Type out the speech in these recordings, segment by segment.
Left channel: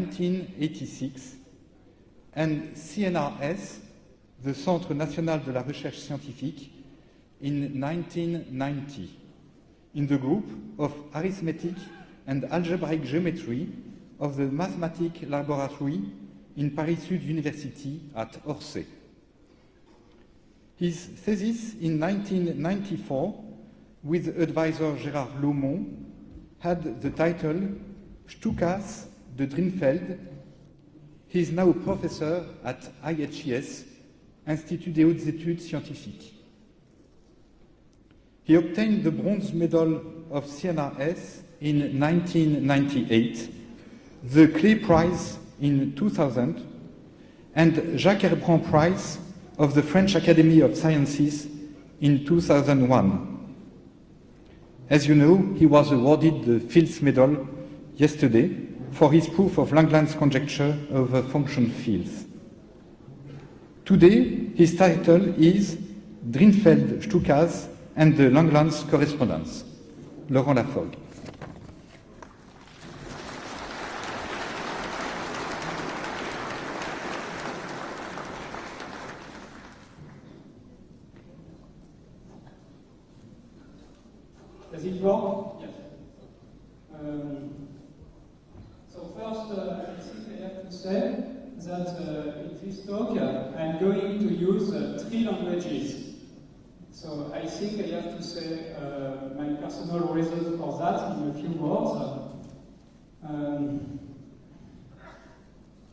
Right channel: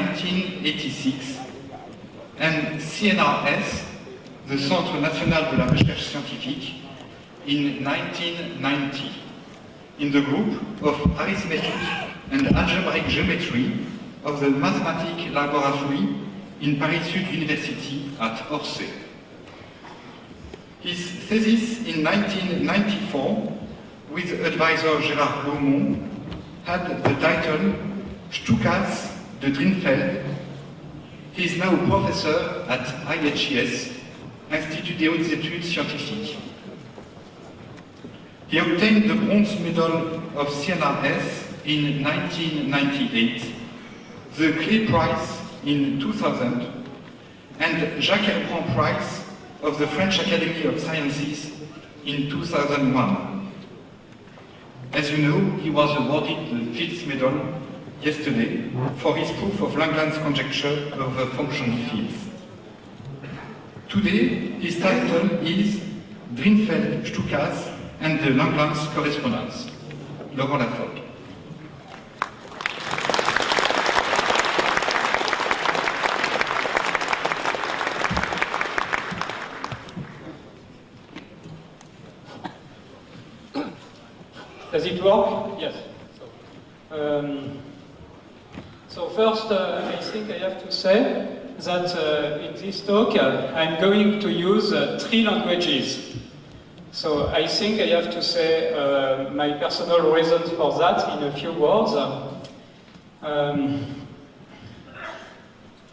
1986 and CNRS, the Centre National de la Recherche Scientifique, in 1990, in the group of arithmetic and algebraic geometry of the Mathematic Laboratory in Paris Sud University at Orsay. His thesis in 1994, with advisor Gérard Laumont, had the title Stukas de Drinfeld. He is now a professor at IHS, Institut des Hautes Études Scientifiques. He obtained the bronze medal of CNRS in 1998, the Clé Prize in 2000, and Jacques Herpron Prize of the French Academy of Sciences in 2001. As you know, he was awarded the Fields Medal yesterday for his proof of Langlands conjecture over function fields. Today, his title is Drinfeld-Stukas and the Langlands correspondence. Laurent Laforgue. Does it work? Yes. So first, I think I have to say that in this talk, I'm going to use 3 languages. So I think I have to say my personal reasons for that in a few words.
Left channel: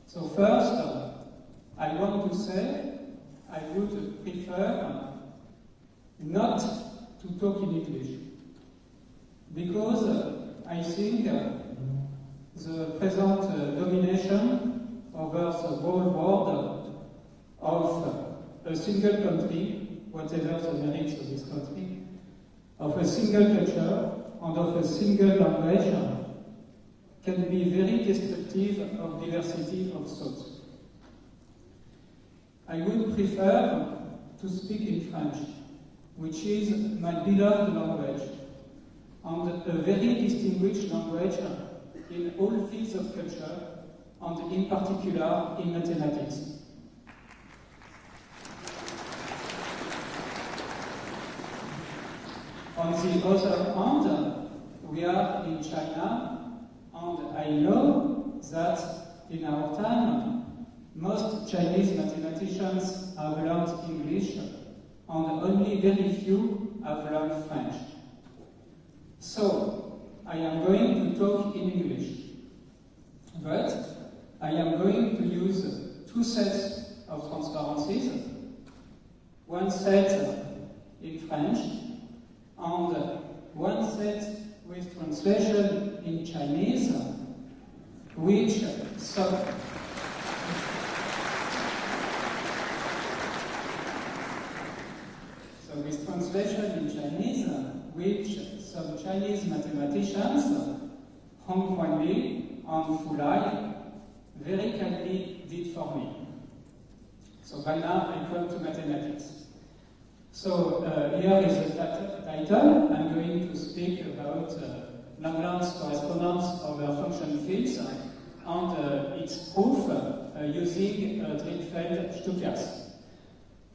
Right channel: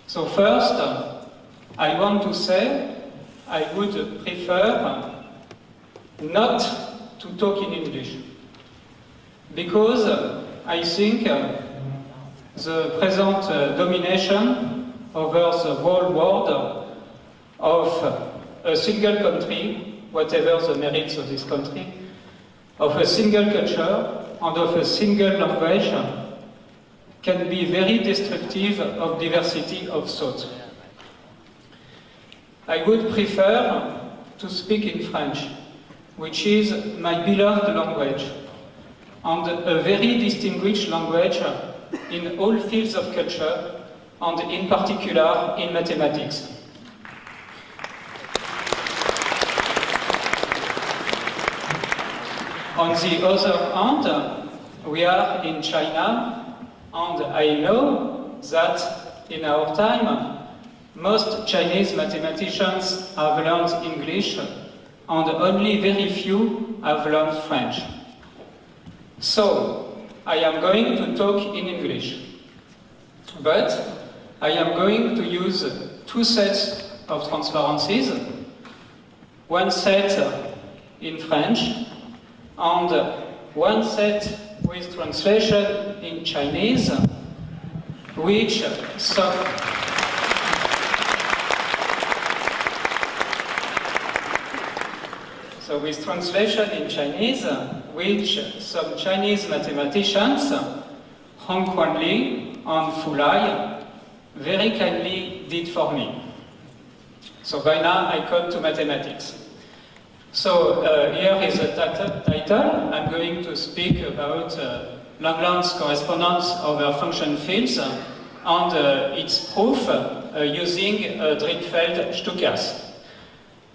So first, I want to say I would prefer not to talk in English, because I think the present domination over the whole world of a single country, whatever the merits of this country, of a single culture and of a single language, can be very destructive of diversity of thought. I would prefer to speak in French, which is my beloved language, and a very distinguished language in all fields of culture, and in particular in mathematics. On the other hand, we are in China, and I know that in our time, most Chinese mathematicians have learned English, and only very few have learned French. So, I am going to talk in English, but I am going to use 2 sets of transparencies, 1 set in French, and 1 set with translation in Chinese, which some So with translation in Chinese, which some Chinese mathematicians, Hong Quan Li and Fu Lai, very kindly did for me. So by now I come to mathematics. So here is the title. I'm going to speak about Langlands correspondence over function fields and its proof using Drinfeld-Stukas.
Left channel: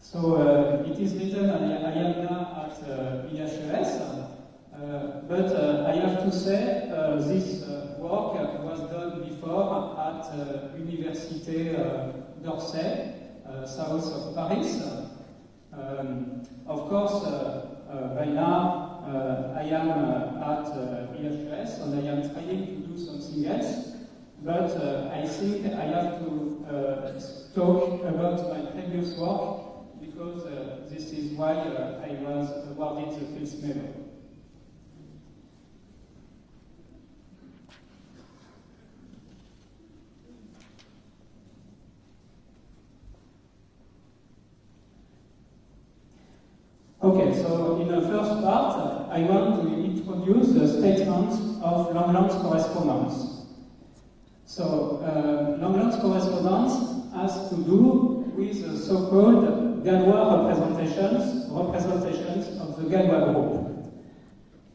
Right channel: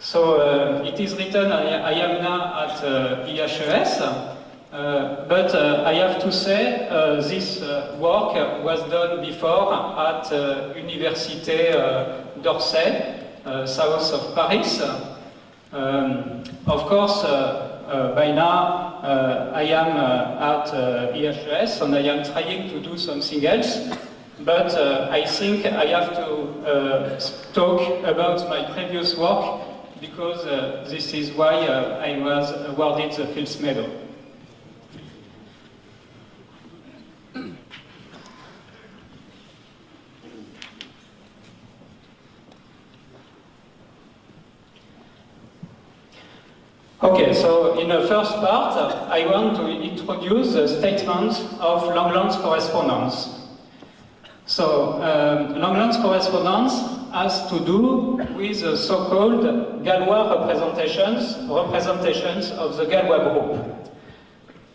So it is written, I am now at IHES, but I have to say this work was done before at Université d'Orsay, south of Paris. Of course, by now I am at IHES and I am trying to do something else, but I think I have to talk about my previous work, because this is why I was awarded the Fields Medal. Okay, so in the first part, I want to introduce the statement of Langlands correspondence. So, Langlands correspondence has to do with the so-called Galois representations of the Galois group.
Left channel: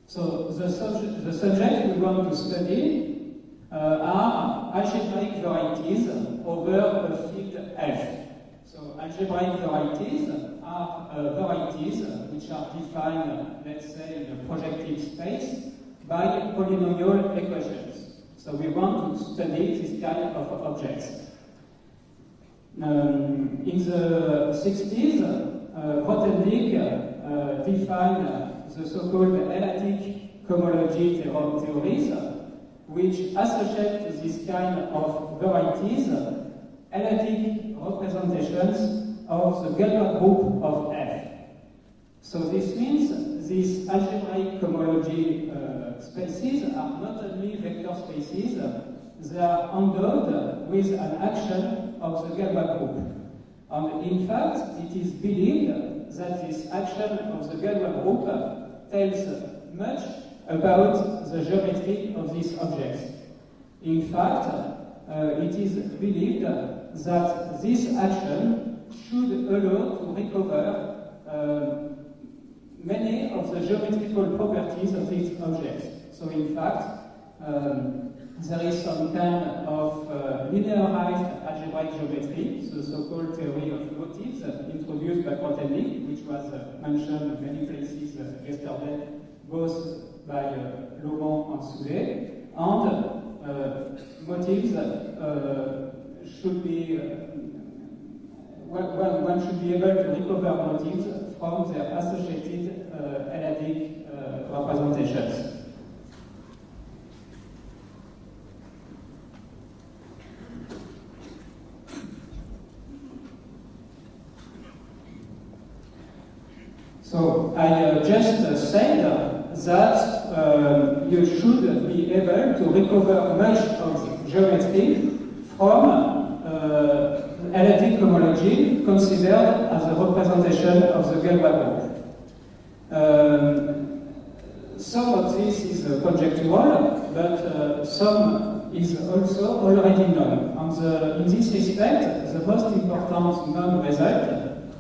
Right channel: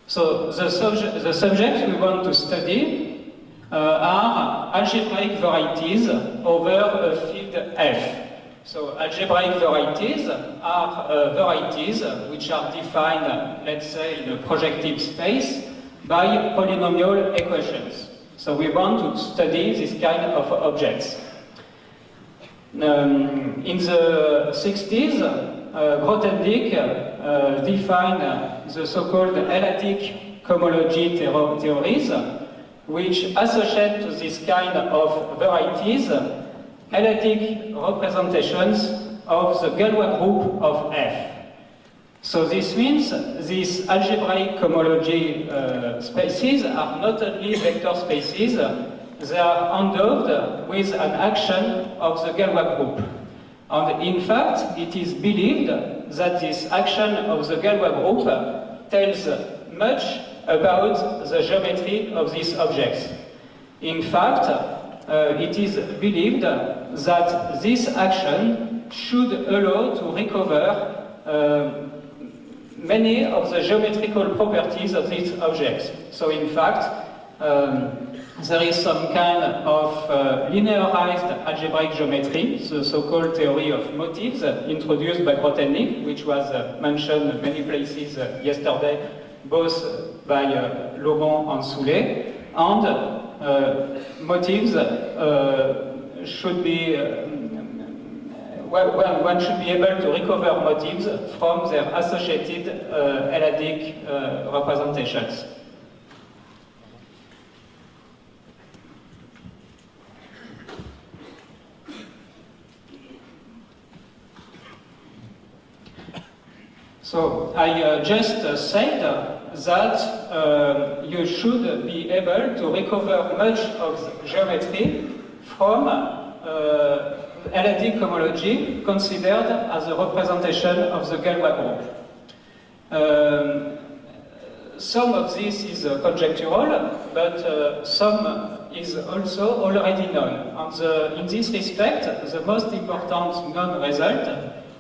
So, the subject we want to study are algebraic varieties over a field F. So algebraic varieties are varieties which are defined, let's say, in a projective space by polynomial equations. So we want to study this kind of objects. In the 60s, Grothendieck defined the so-called L-adic cohomology theories, which associate to this kind of varieties L-adic representations of the Galois group of F. So this means these algebraic cohomology spaces are not only vector spaces, they are endowed with an action of the Galois group. And in fact, it is believed that this action of the Galois group tells much about the geometry of these objects. In fact, it is believed that this action should allow to recover many of the geometrical properties of these objects. So in fact, there is some kind of linearized algebraic geometry, the so-called theory of motifs introduced by Grothendieck, which was mentioned in many places yesterday, both by Laurent and Soulet, and motifs should be one should be able to recover motifs from their associated L-adic representations. So I just said that you should be able to recover much of the geometry from L-adic cohomology considered as a representation of the Galois group. Some of this is conjectural, but some is also already known. And in this respect, the most important known result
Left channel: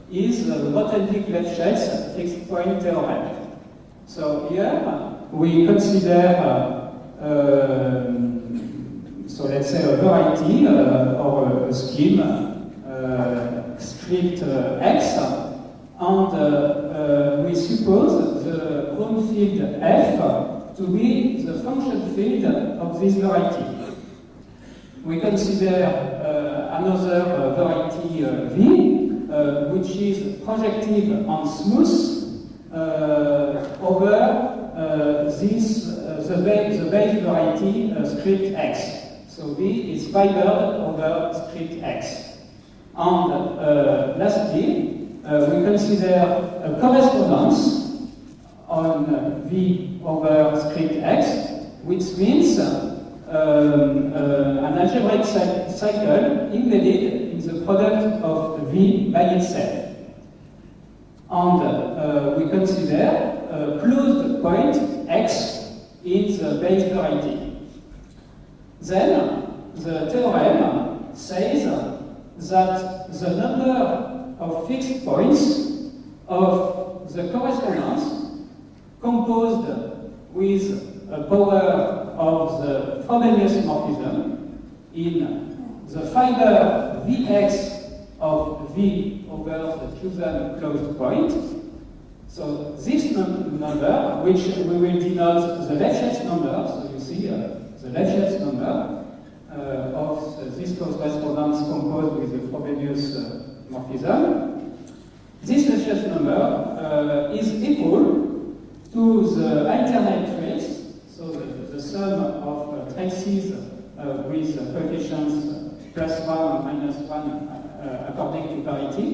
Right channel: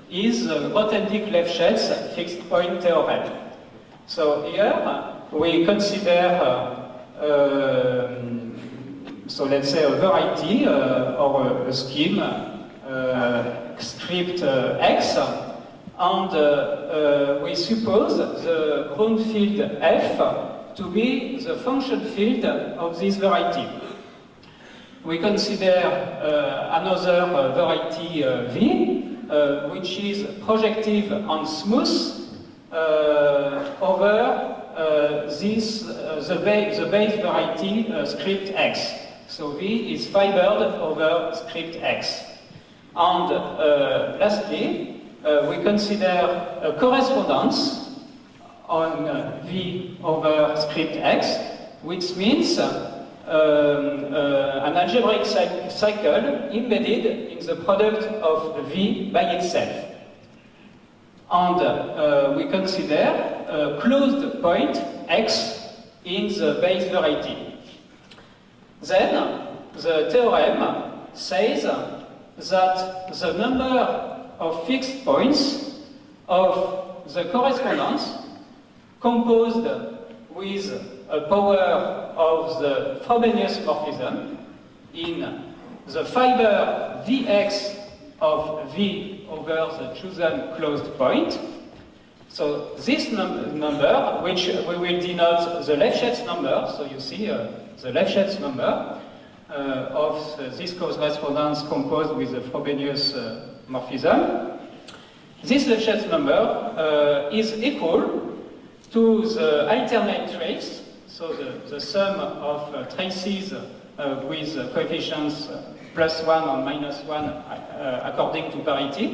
is Grothendieck-Lefschetz fixed point theorem. So here we consider, so let's say a variety or a scheme, script X, and we suppose the ground field F to be the function field of this variety. We consider another variety V, which is projective and smooth over the base variety script X. So V is fibered over script X. And lastly, we consider a correspondence on V over script X, which means an algebraic cycle embedded in the product of V by itself. And we consider a closed point X in the base variety. Then the theorem says that the number of fixed points of the correspondence composed with a power of the Frobenius morphism in the fiber Vx of V over the chosen closed point. So this number, which we will denote the Lefschetz number, so you see the Lefschetz number of this correspondence composed with the Frobenius morphism. This Lefschetz number is equal to the alternate trace, so the sum of traces with coefficients +1 and -1 according to parity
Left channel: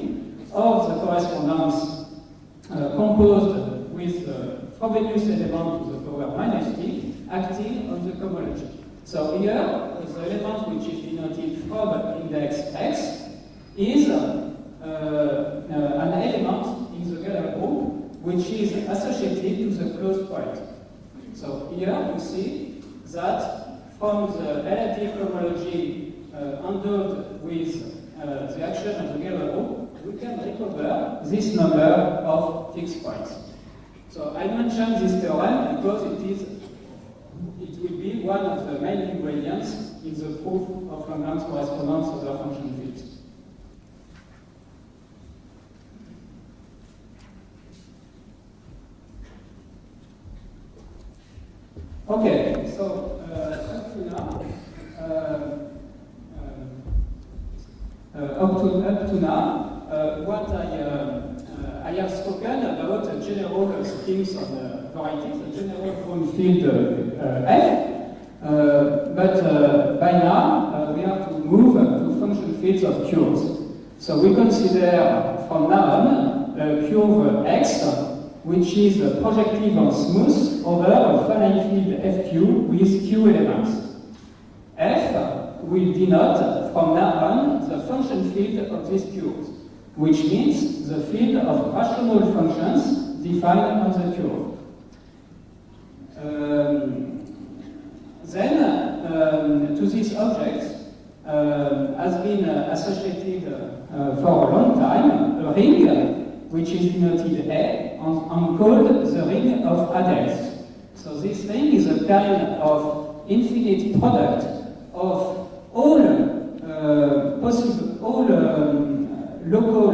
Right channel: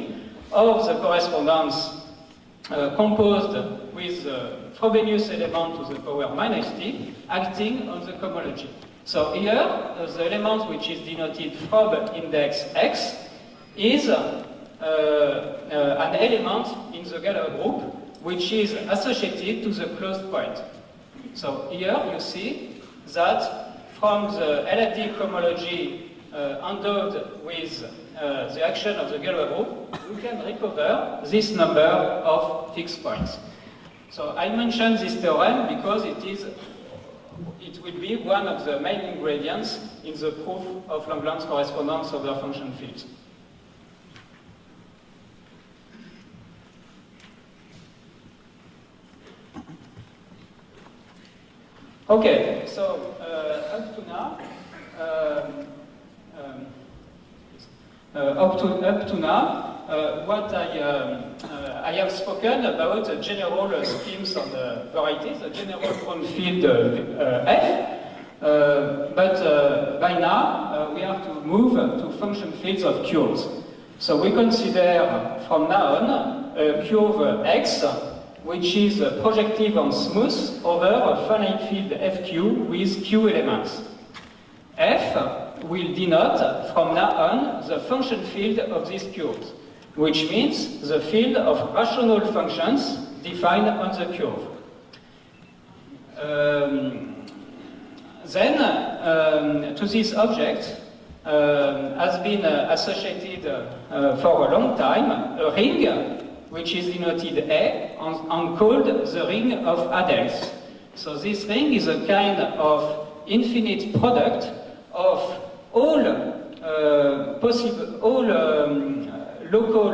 of the correspondence composed with the Frobenius element to the power -t acting on the cohomology. So here, the element which is denoted Frob index X is an element in the Galois group which is associated to the closed point. So here you see that from the L-adic cohomology endowed with the action of the Galois group, we can recover this number of fixed points. So I mentioned this theorem because it it will be one of the main ingredients in the proof of Langlands correspondence over function fields. Okay, so up to now, what I have spoken about the general schemes on varieties, the general form field F, but by now we have to move to function fields of curves. So we consider from now on a curve X, which is projective and smooth over a finite field FQ with Q elements. F will denote from now on the function field of these curves, which means the field of rational functions defined on the curve. Then, to this object has been associated for a long time a ring which is denoted A and called the ring of Adels. So this ring is a kind of infinite product of all local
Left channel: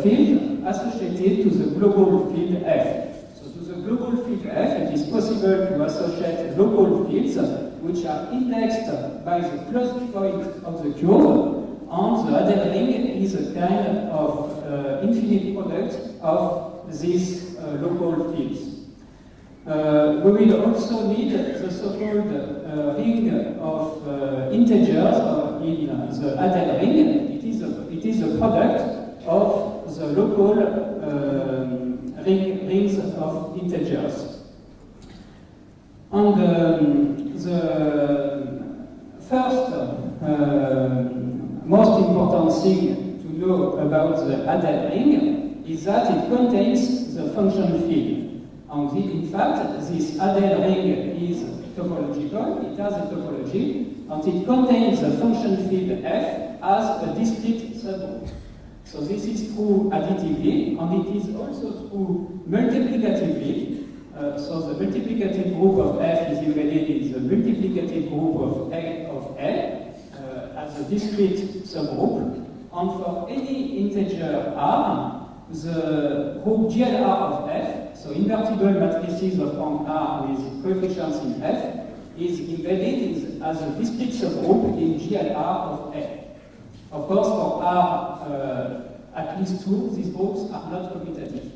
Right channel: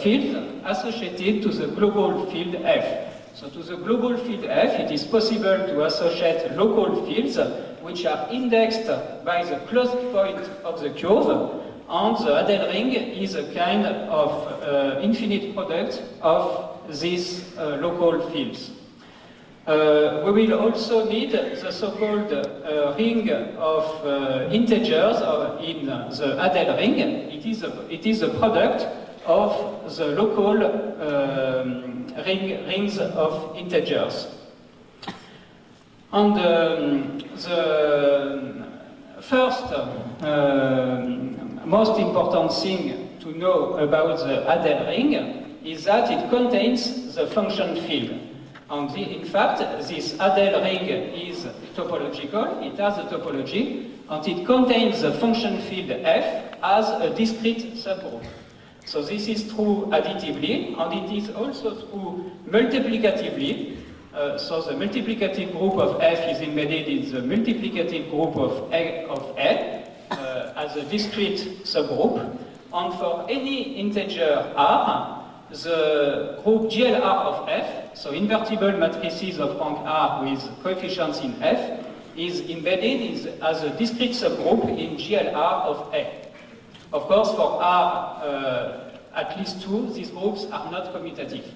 fields associated to the global field F. So to the global field F, it is possible to associate local fields which are indexed by the closed point of the curve, and the Adel ring is a kind of infinite product of these local fields. We will also need the so-called ring of integers in the Adel ring. It is a product of the local rings of integers. And the first most important thing to know about the Adel ring is that it contains the function field. And in fact, this Adel ring is topological, it has a topology, and it contains the function field F as a discrete subgroup. So this is true additively, and it is also true multiplicatively. So the multiplicative group of F is embedded in the multiplicative group of L as a discrete subgroup. And for any integer R, the group GLR of F, so invertible matrices of rank R with coefficients in F, is embedded as a discrete subgroup in GLR of A. Of course, for R at least 2, these groups are not commutative.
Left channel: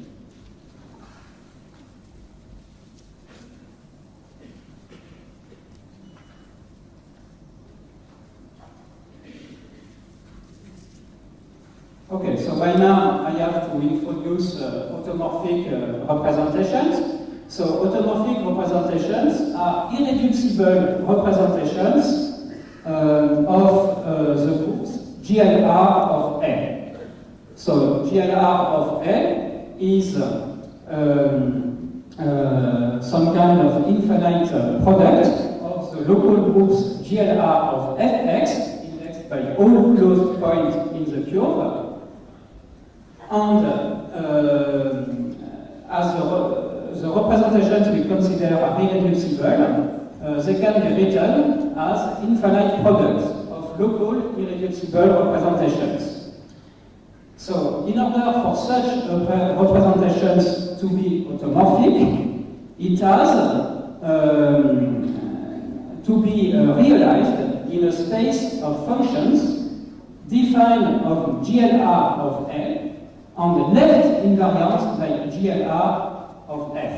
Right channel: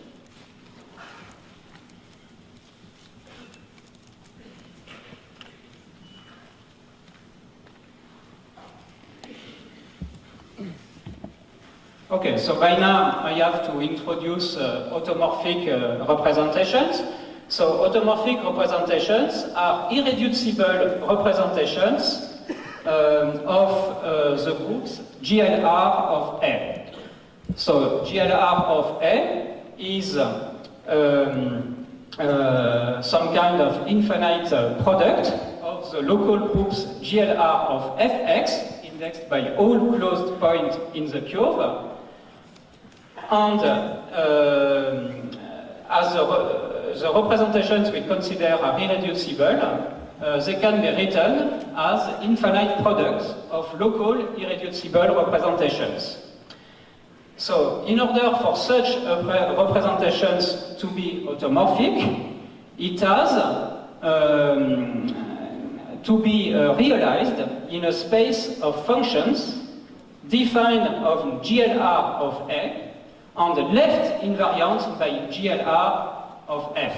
Okay, so by now I have to introduce automorphic representations. So automorphic representations are irreducible representations of the groups GLR of A. So GLR of A is some kind of infinite product of the local groups GLR of Fx, indexed by all closed points in the curve. And as the representations we consider are irreducible, they can be written as infinite products of local irreducible representations. So, in order for such representations to be automorphic, it has to be realized in a space of functions defined of GLR of A and left invariant by GLR of F.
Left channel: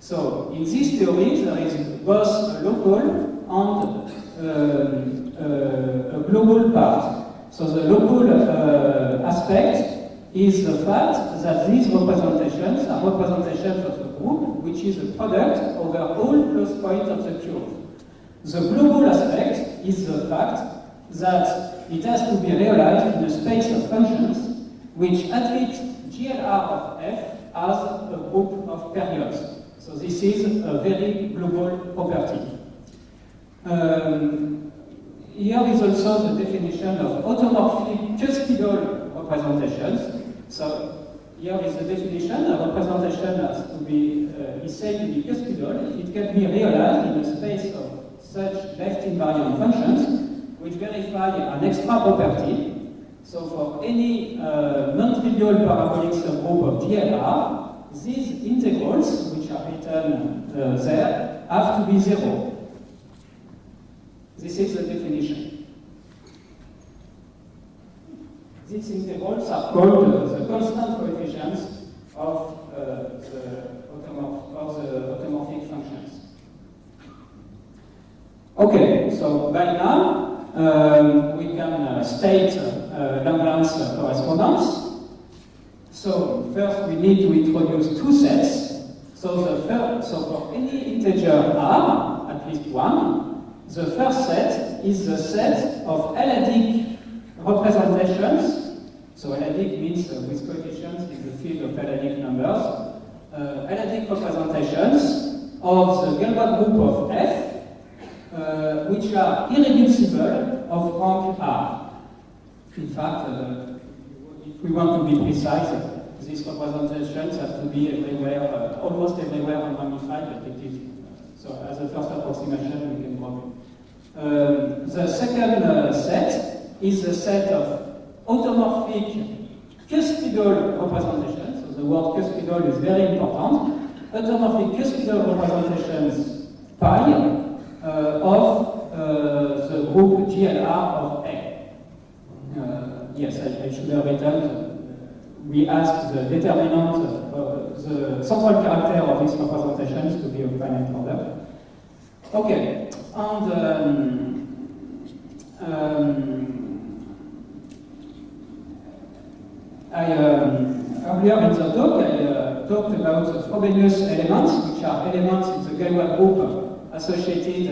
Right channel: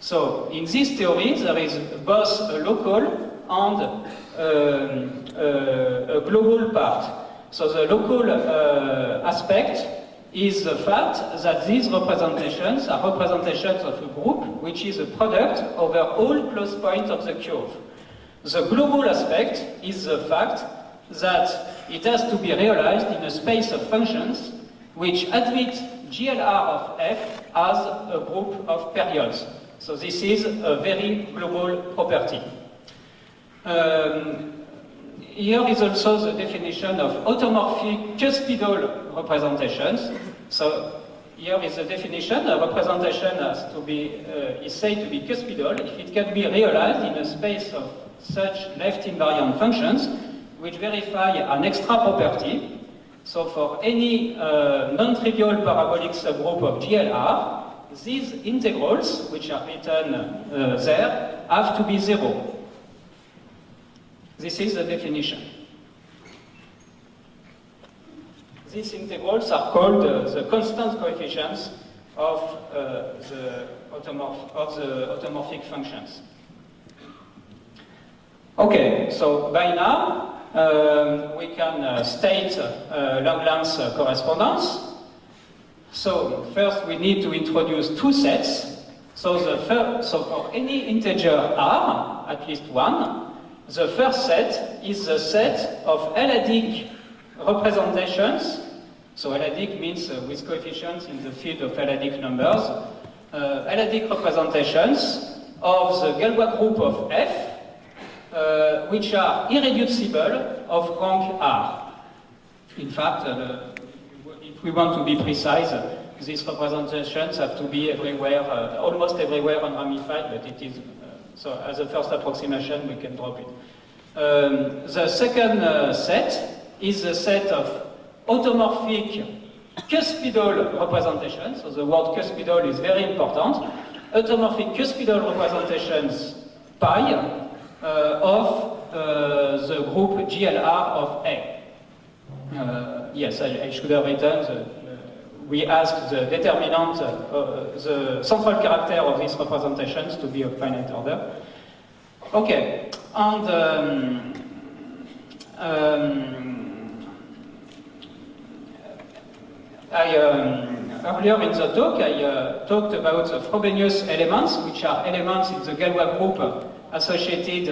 So, in this theory, there is both a local and a global part. So, the local aspect is the fact that these representations are representations of a group which is a product over all closed points of the curve. The global aspect is the fact that it has to be realized in a space of functions which admit GLR of F as a group of periods. So this is a very global property. Here is also the definition of automorphic cuspidal representations. So here is the definition. A representation has to be, is said to be cuspidal if it can be realized in a space of such left-invariant functions which verify an extra property. So for any non-trivial parabolic subgroup of GLR, these integrals, which are written there, have to be zero. This is the definition. These integrals are called the constant coefficients of the automorphic functions. Okay, so by now we can state Langlands correspondence. So first we need to introduce two sets. So for any integer r, at least one, the first set is the set of L-adic representations. So L-adic means with coefficients in the field of L-adic numbers. L-adic representations of the Galois group of F, which are irreducible of rank R. In fact, if we want to be precise, these representations have to be everywhere, almost everywhere unramified, but it is, so as a first approximation, we can drop it. The second set is the set of automorphic cuspidal representations. So the word cuspidal is very important. Automorphic cuspidal representations pi of the group GLR of A. Yes, I should have written, we ask the determinant, the central character of these representations to be of finite order. Okay, and earlier in the talk, I talked about the Frobenius elements, which are elements in the Galois group associated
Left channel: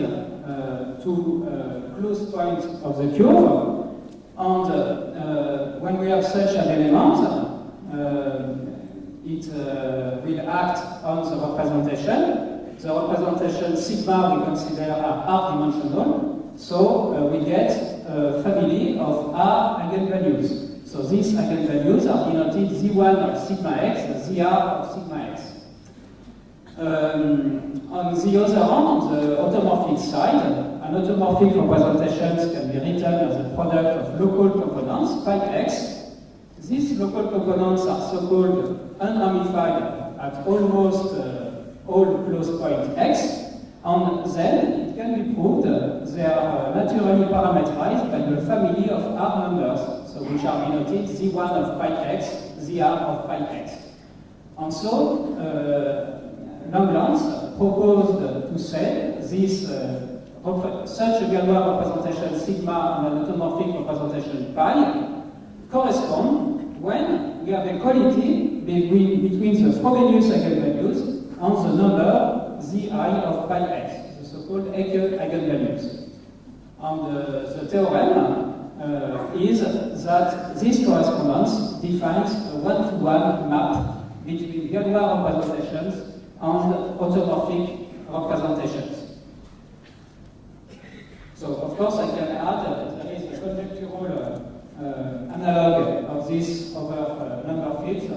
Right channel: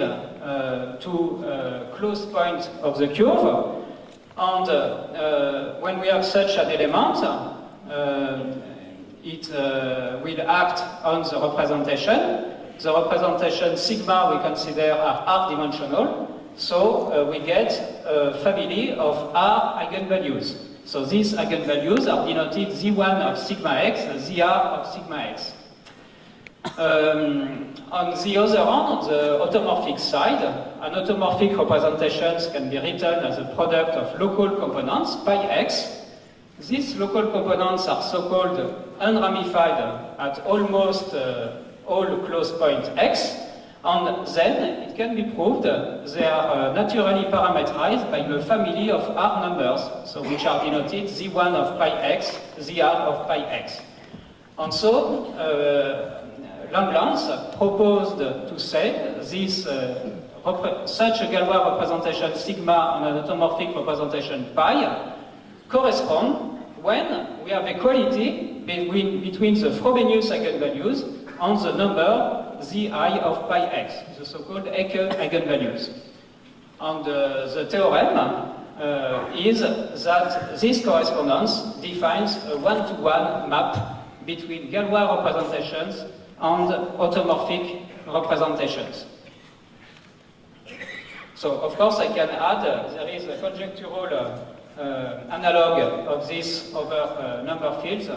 to close point of the curve. And when we have such an element, it will act on the representation. The representation sigma we consider are r-dimensional, so we get a family of r eigenvalues. So these eigenvalues are denoted z1 of sigma x, zr of sigma x. On the other hand, on the automorphic side, an automorphic representations can be written as a product of local components, pi x. These local components are so-called unramified at almost all close point x, and then it can be proved they are naturally parameterized by the family of R numbers, so which are denoted z1 of pi x, zr of pi x. And so, Langlands proposed to say this such a Galois representation sigma and an automorphic representation pi correspond when we have equality between the Frobenius eigenvalues and the number zi of pi x, the so-called Ecke eigenvalues. And the theorem is that this correspondence defines a one-to-one map between Galois representations and automorphic representations. So, of course, I can add there is a conjectural analog of this over number fields.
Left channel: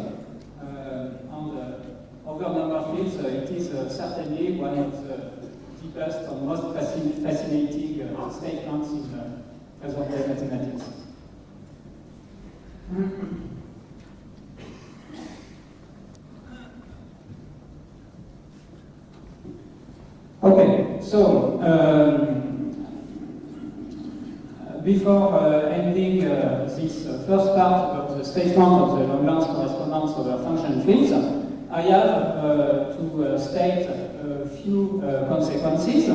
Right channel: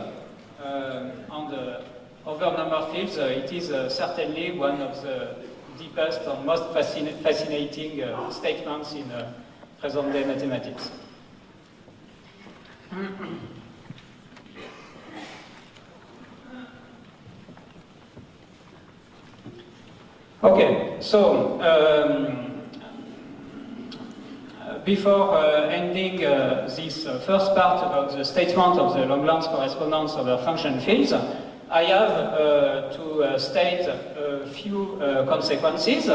Over number fields, it is certainly one of the deepest and most fascinating statements in present-day mathematics. Okay, so before ending this first part of the statement of the Langlands correspondence over function fields, I have to state a few consequences.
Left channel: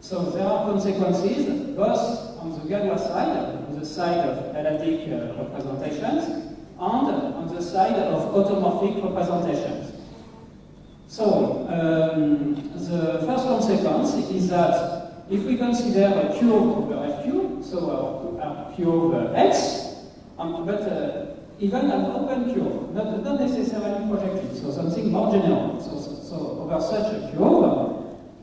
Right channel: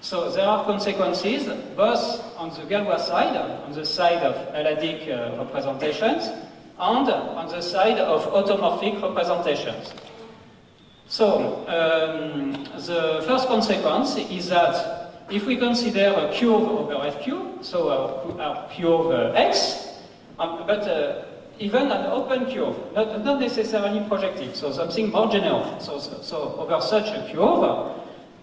So there are consequences both on the Galois side, on the side of L-adic representations, and on the side of automorphic representations. So the first consequence is that if we consider a curve over FQ, so our curve X, but even an open curve, not necessarily projective, so something more general. So over such a curve,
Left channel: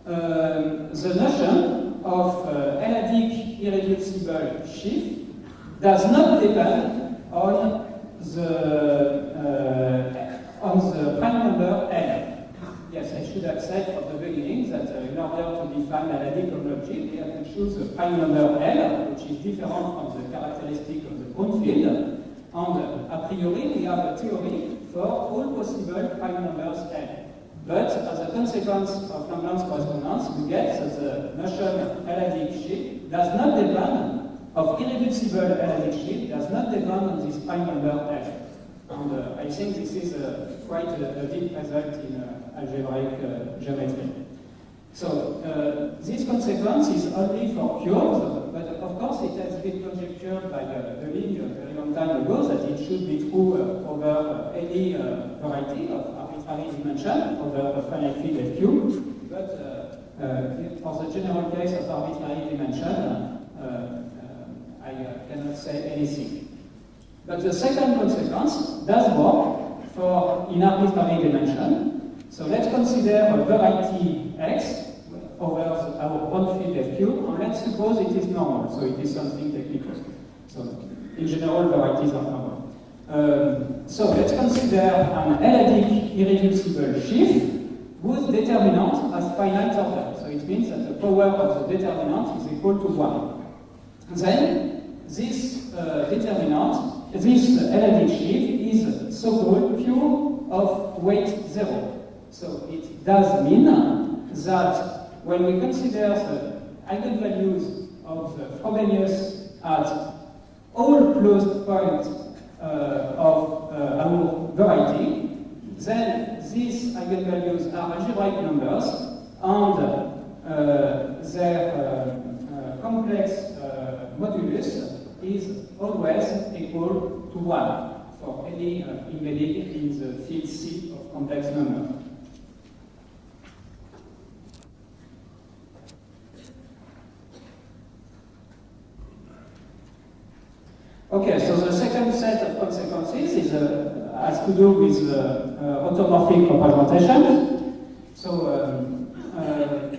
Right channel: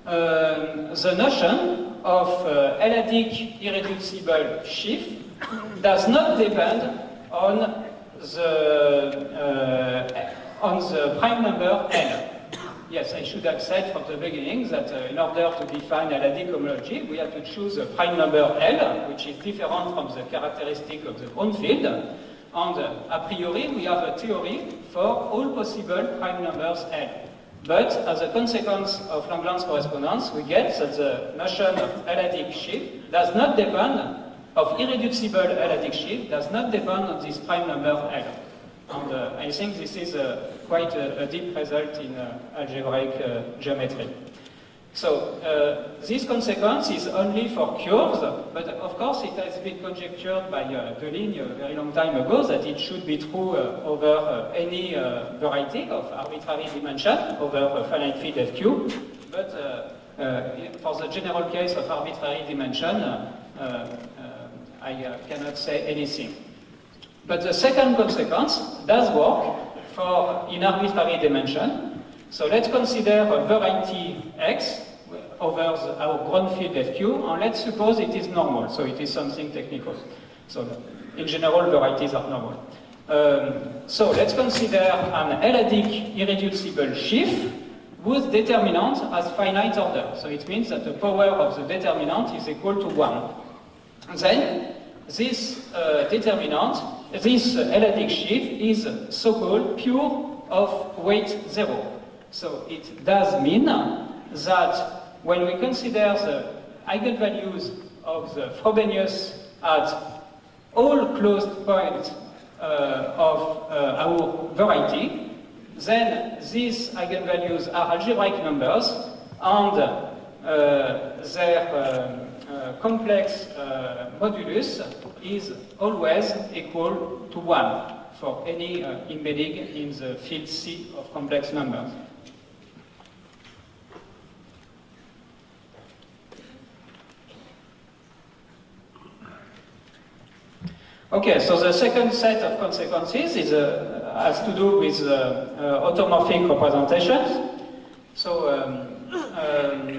the notion of L-adic irreducible sheaf does not depend on on the prime number L. Yes, I should have said from the beginning that in order to define L-adic homology, we have to choose a prime number L, which is different from the characteristic of the ground field. And a priori, we have a theory for all possible prime numbers L. But as a consequence of Lagrange correspondence, we get that the notion of L-adic shift does not depend, of irreducible L-adic shift, does not depend on this prime number L. And I think this is quite a deep result in algebraic geometry. So this consequence is only for curves, but of course it has been conjectured by Deligne a very long time ago that it should be true over any variety of arbitrary dimension over a finite field FQ. But for the general case of arbitrary dimension, I cannot say anything. But the second consequence does work for in arbitrary dimension. So let's consider a variety X over our ground field FQ, and let's suppose it is normal, so it is something technical. So in general, varieties are normal. So let's consider an L-adic irreducible sheaf whose determinant has finite order. So it means that the power of the determinant is equal to 1. Then this determinant, this L-adic sheaf is so-called pure of weight 0. So it does mean that when we consider the eigenvalues of the Frobenius at all closed points of our variety, then these eigenvalues are algebraic numbers, and their complex modulus is always equal to 1 for any embedding in the field C of complex numbers. Okay, so the second set of consequences is, has to do with automorphic representations. So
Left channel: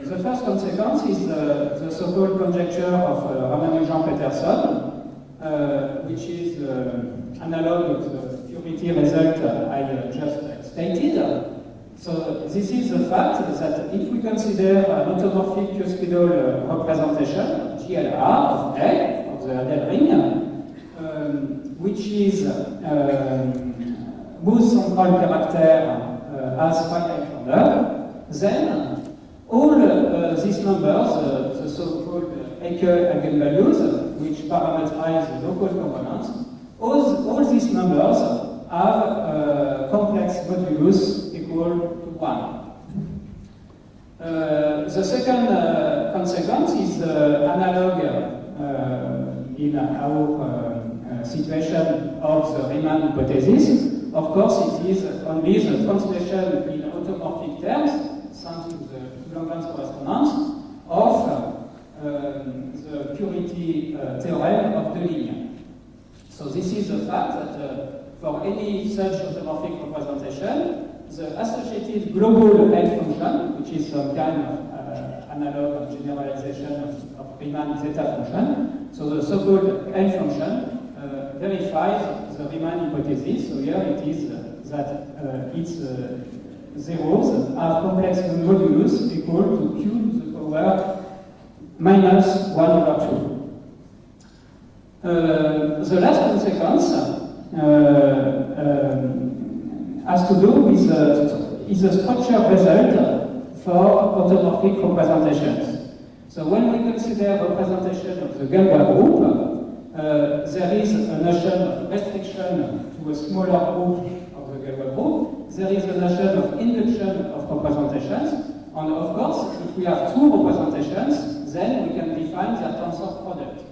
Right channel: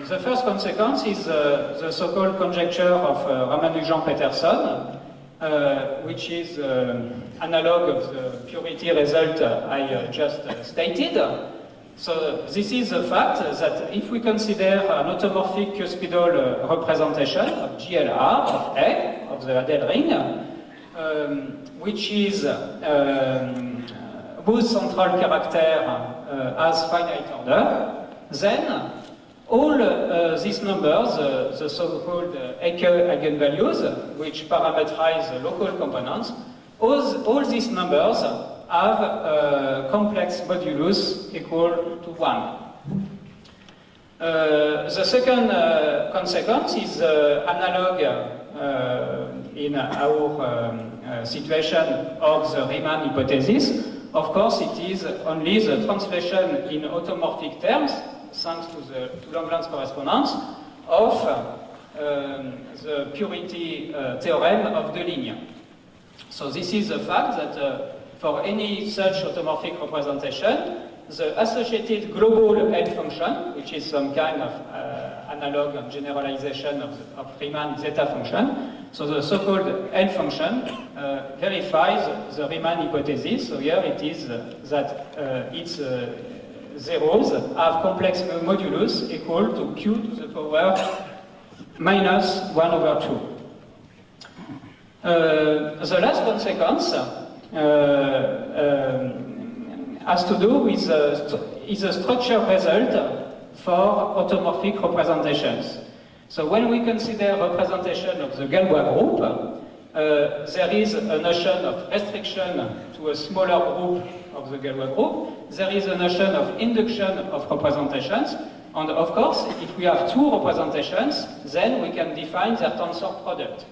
the first consequence is the so-called conjecture of Ramanujan-Peterson, which is analog of the purity result I just stated. So this is the fact that if we consider an automorphic cuspidal representation of GLR of A, of the Adel ring, which is whose central character has finite order, then all these numbers, the so-called Ecke eigenvalues, which parameterize the local components, all these numbers have complex modulus equal to 1. The second consequence is analog in our situation of the Riemann hypothesis. Of course, it is only the translation in automorphic terms, thanks to Lagrange correspondence, of the purity theorem of Deligne. So this is the fact that for any such automorphic representation, the associated global L function, which is some kind of analog generalization of Riemann zeta function, so the so-called L function verifies the Riemann hypothesis. So here it is that its zeros have complex modulus equal to q to the power minus 1 over 2. The last consequence has to do with is a structure result for automorphic representations. So when we consider representation of the Galois group, there is a notion of restriction to a smaller group of the Galois group. There is a notion of induction of representations. And of course, if we have two representations, then we can define their tensor product.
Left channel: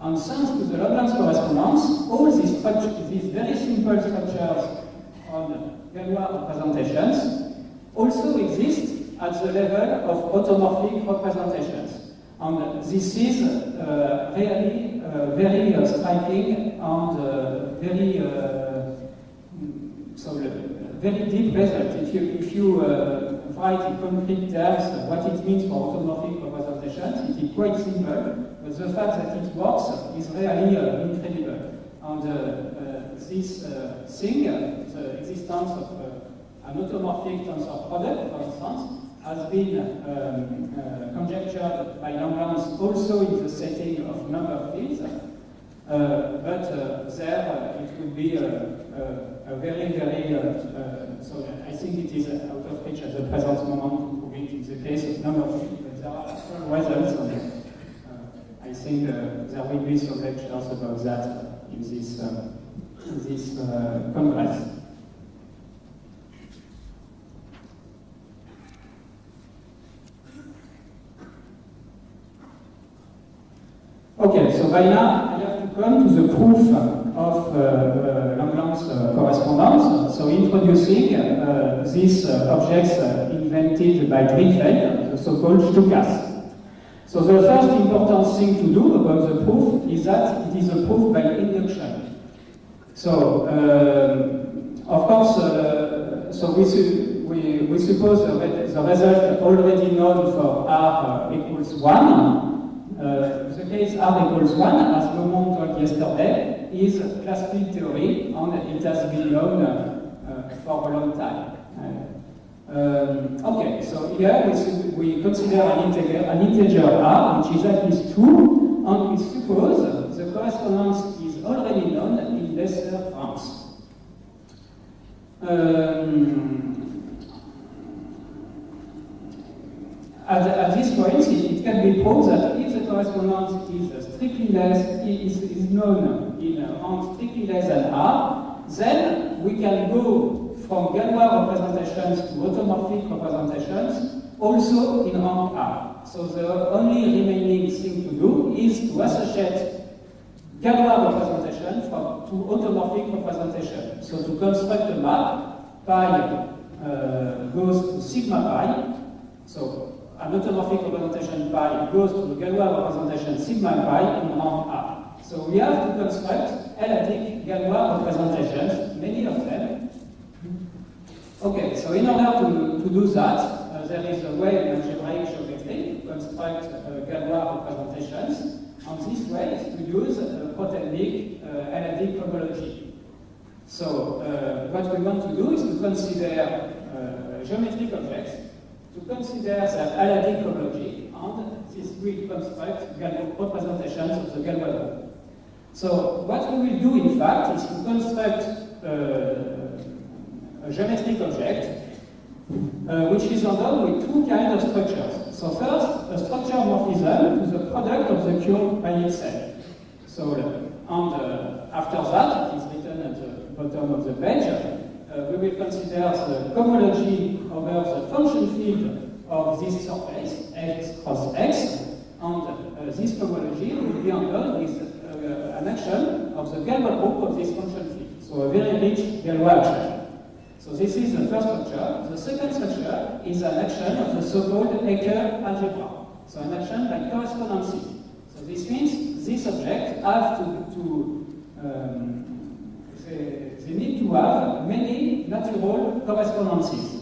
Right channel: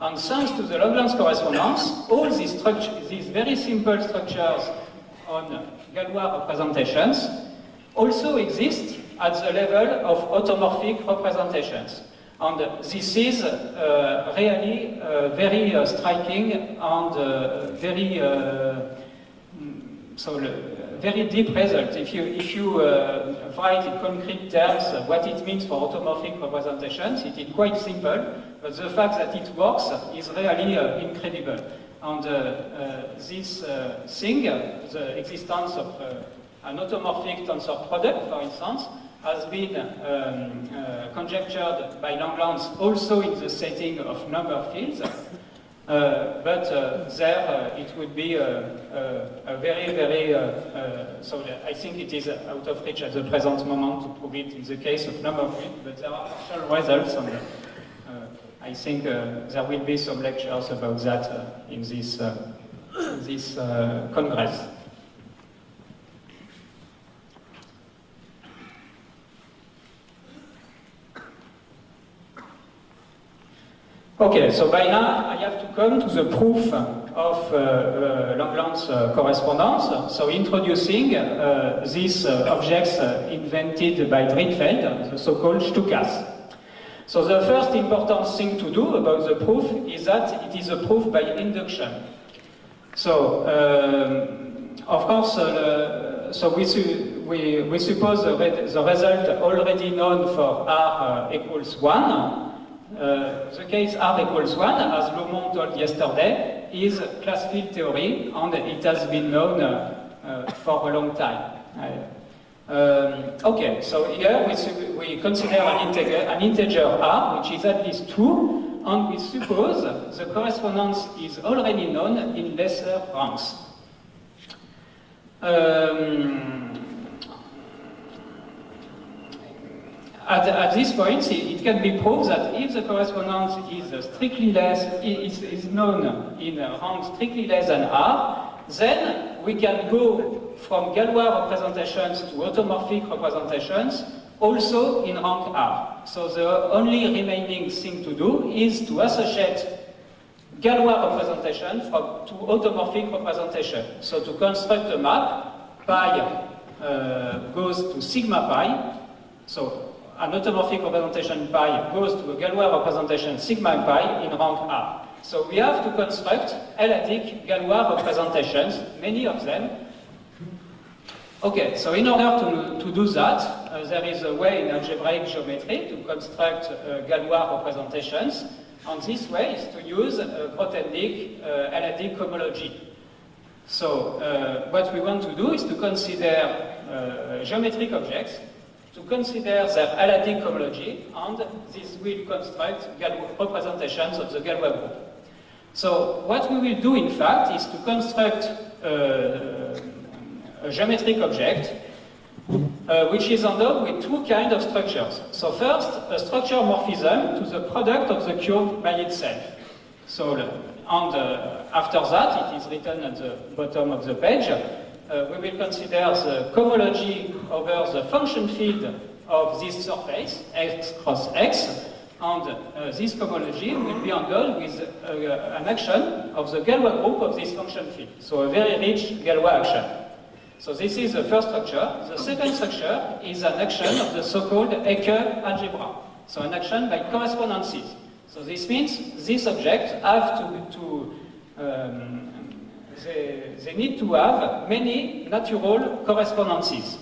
And thanks to the Lagrange correspondence, all these very simple structures on Galois representations also exist at the level of automorphic representations. And this is really very striking and very deep result. If you write in concrete terms what it means for automorphic representations, it is quite simple, but the fact that it works is really incredible. and this thing, the existence of an automorphic tensor product, for instance, has been conjectured by Langlands also in the setting of number fields. But there it would be a very, so I think it is out of reach at the present moment to prove it in the case of number field, but there are actual results, and I think there will be some lectures about that in this congress. Okay, so by now I have to come to the proof of Langlands correspondence. So introducing these objects invented by Drinfeld, the so-called Stukas. So the first important thing to do about the proof is that it is a proof by induction. So, of course, so we suppose the result already known for R equals 1. The case R equals 1, as Lomond told yesterday, is class field theory, and it has been known for a long time. Okay, so here we consider an integer R, which is at least 2, and we suppose the correspondence is already known in lesser ranks. At this point, it can be proved that if the correspondence is strictly less, is known in rank strictly less than R, then we can go from Galois representations to automorphic representations also in rank R. So the only remaining thing to do is to associate Galois representation to automorphic representation. So to construct a map, pi goes to sigma pi. So an automorphic representation pi goes to a Galois representation sigma pi in rank R. So we have to construct L-adic Galois representations, many of them. Okay, so in order to do that, there is a way in algebraic geometry to construct Galois representations, and this way is to use Grothendieck L-adic cohomology. So what we want to do is to consider geometric objects, to consider their L-adic cohomology, and this will construct representations of the Galois group. So what we will do, in fact, is to construct a geometric object which is endowed with two kinds of structures. So first, a structure morphism to the product of the curve by itself. So, and after that, it is written at the bottom of the page, we will consider the cohomology over the function field of this surface, x cross x, and this cohomology will be endowed with an action of the Galois group of this function field. So a very rich Galois action. So this is the first structure. The second structure is an action of the so-called Ecke algebra. So an action by correspondences. So this means this object have they need to have many natural correspondences.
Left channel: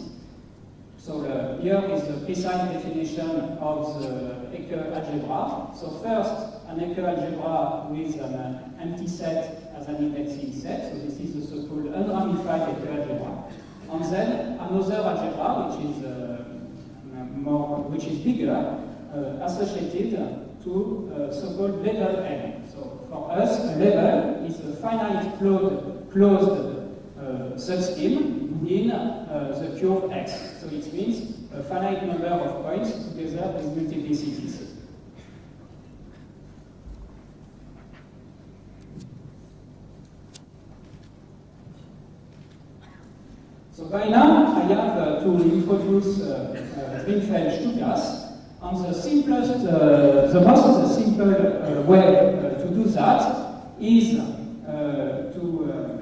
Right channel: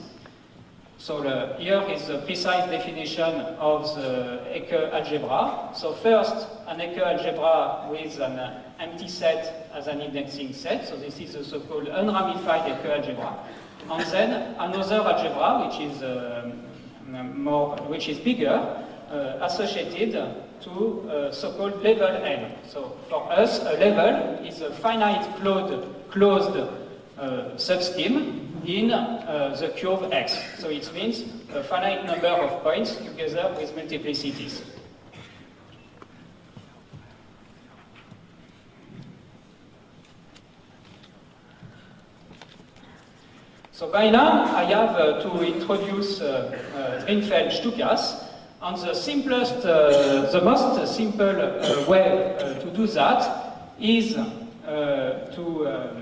So here is the precise definition of the Ecke algebra. So first, an Ecke algebra with an empty set as an indexing set. So this is the so-called unramified Ecke algebra. And then another algebra, which is bigger, associated to so-called level N. So for us, a level is a finite closed subscheme in the curve X. So it means a finite number of points together with multiplicities. So by now, I have to introduce Drinfeld Stukas, and the simplest, the most simple way to do that is to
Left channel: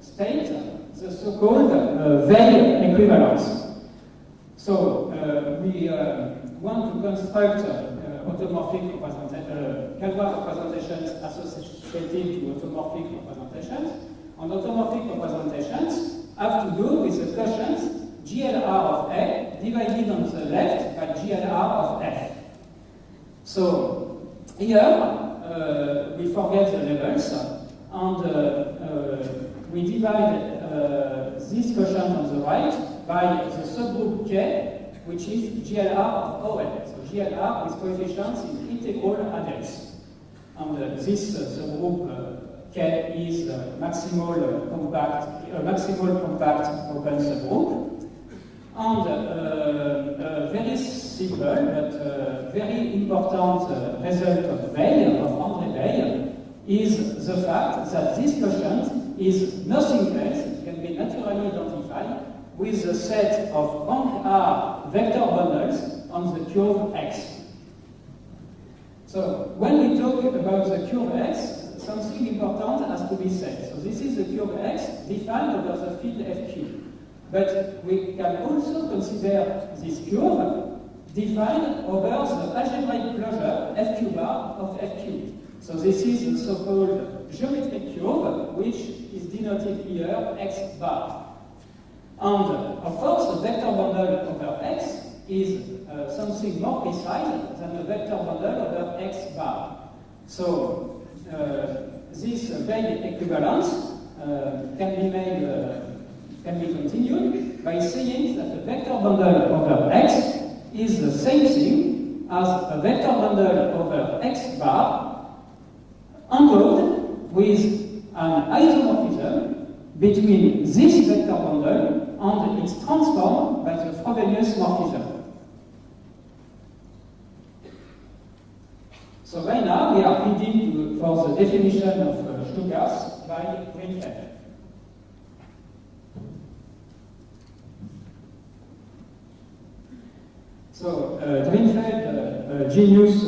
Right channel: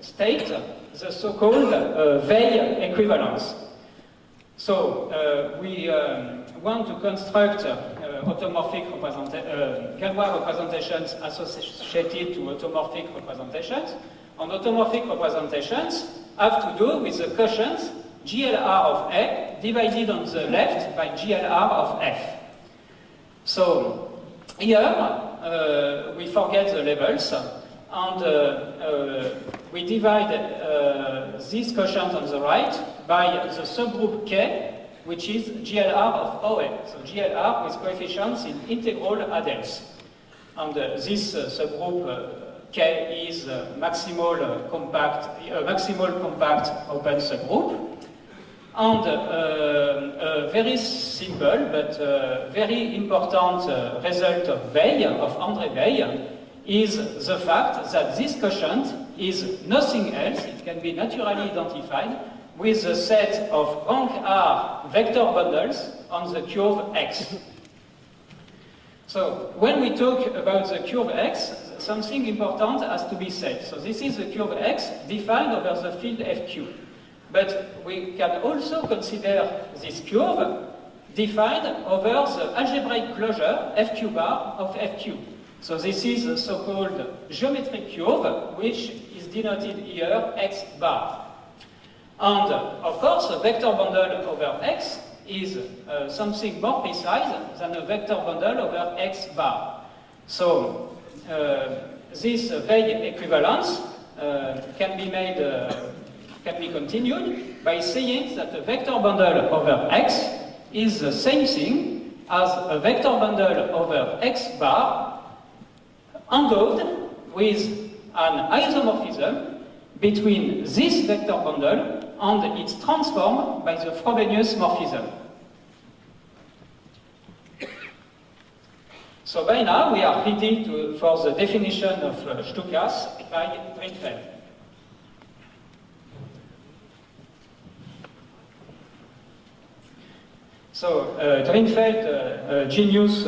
state the so-called Weil equivalence. So we want to construct automorphic Galois representations associated to automorphic representations, and automorphic representations have to do with the quotients GLR of A divided on the left by GLR of F. So here we forget the levels. and we divide this quotient on the right by the subgroup K, which is GLR of OM. So GLR with coefficients in integral adels. And this subgroup K is maximal compact open subgroup. And a very simple but very important result of Weil, of André Weil, is the fact that this quotient is nothing else, it can be naturally identified, with a set of rank R vector bundles on the curve X. So when we talk about the curve X, something important has to be said. So this is the curve X defined over the field FQ. But we can also consider this curve defined over the algebraic closure FQ bar of FQ. So this is the so-called geometric curve, which is denoted here X bar. And of course, a vector bundle over X is something more precise than a vector bundle over X bar. So this Weil equivalence can be continued by saying that a vector bundle over X is the same thing as a vector bundle over X bar endowed with an isomorphism between this vector bundle and its transform by the Frobenius morphism. So by now we are ready for the definition of Stukas by Drinfeld. So Drinfeld genius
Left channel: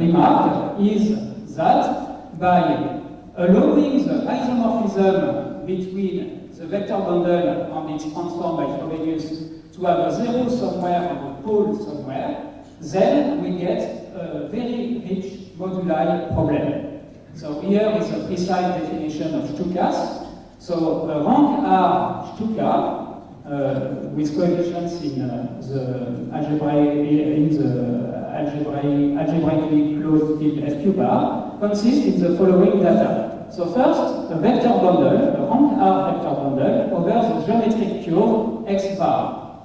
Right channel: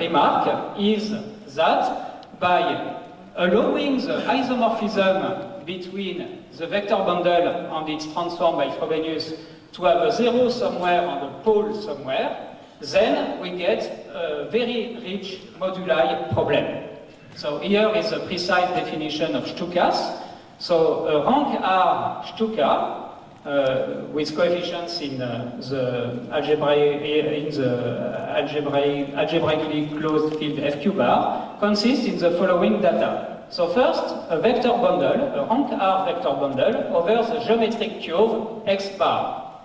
remark is that by allowing the isomorphism between the vector bundle and its transform by Frobenius to have a zero somewhere and a pole somewhere, then we get a very rich moduli problem. So here is a precise definition of Stukas. So a rank R Stuka with coefficients in the algebraically closed field FQ bar consists in the following data. So first, a vector bundle, a rank R vector bundle over the geometric curve X bar.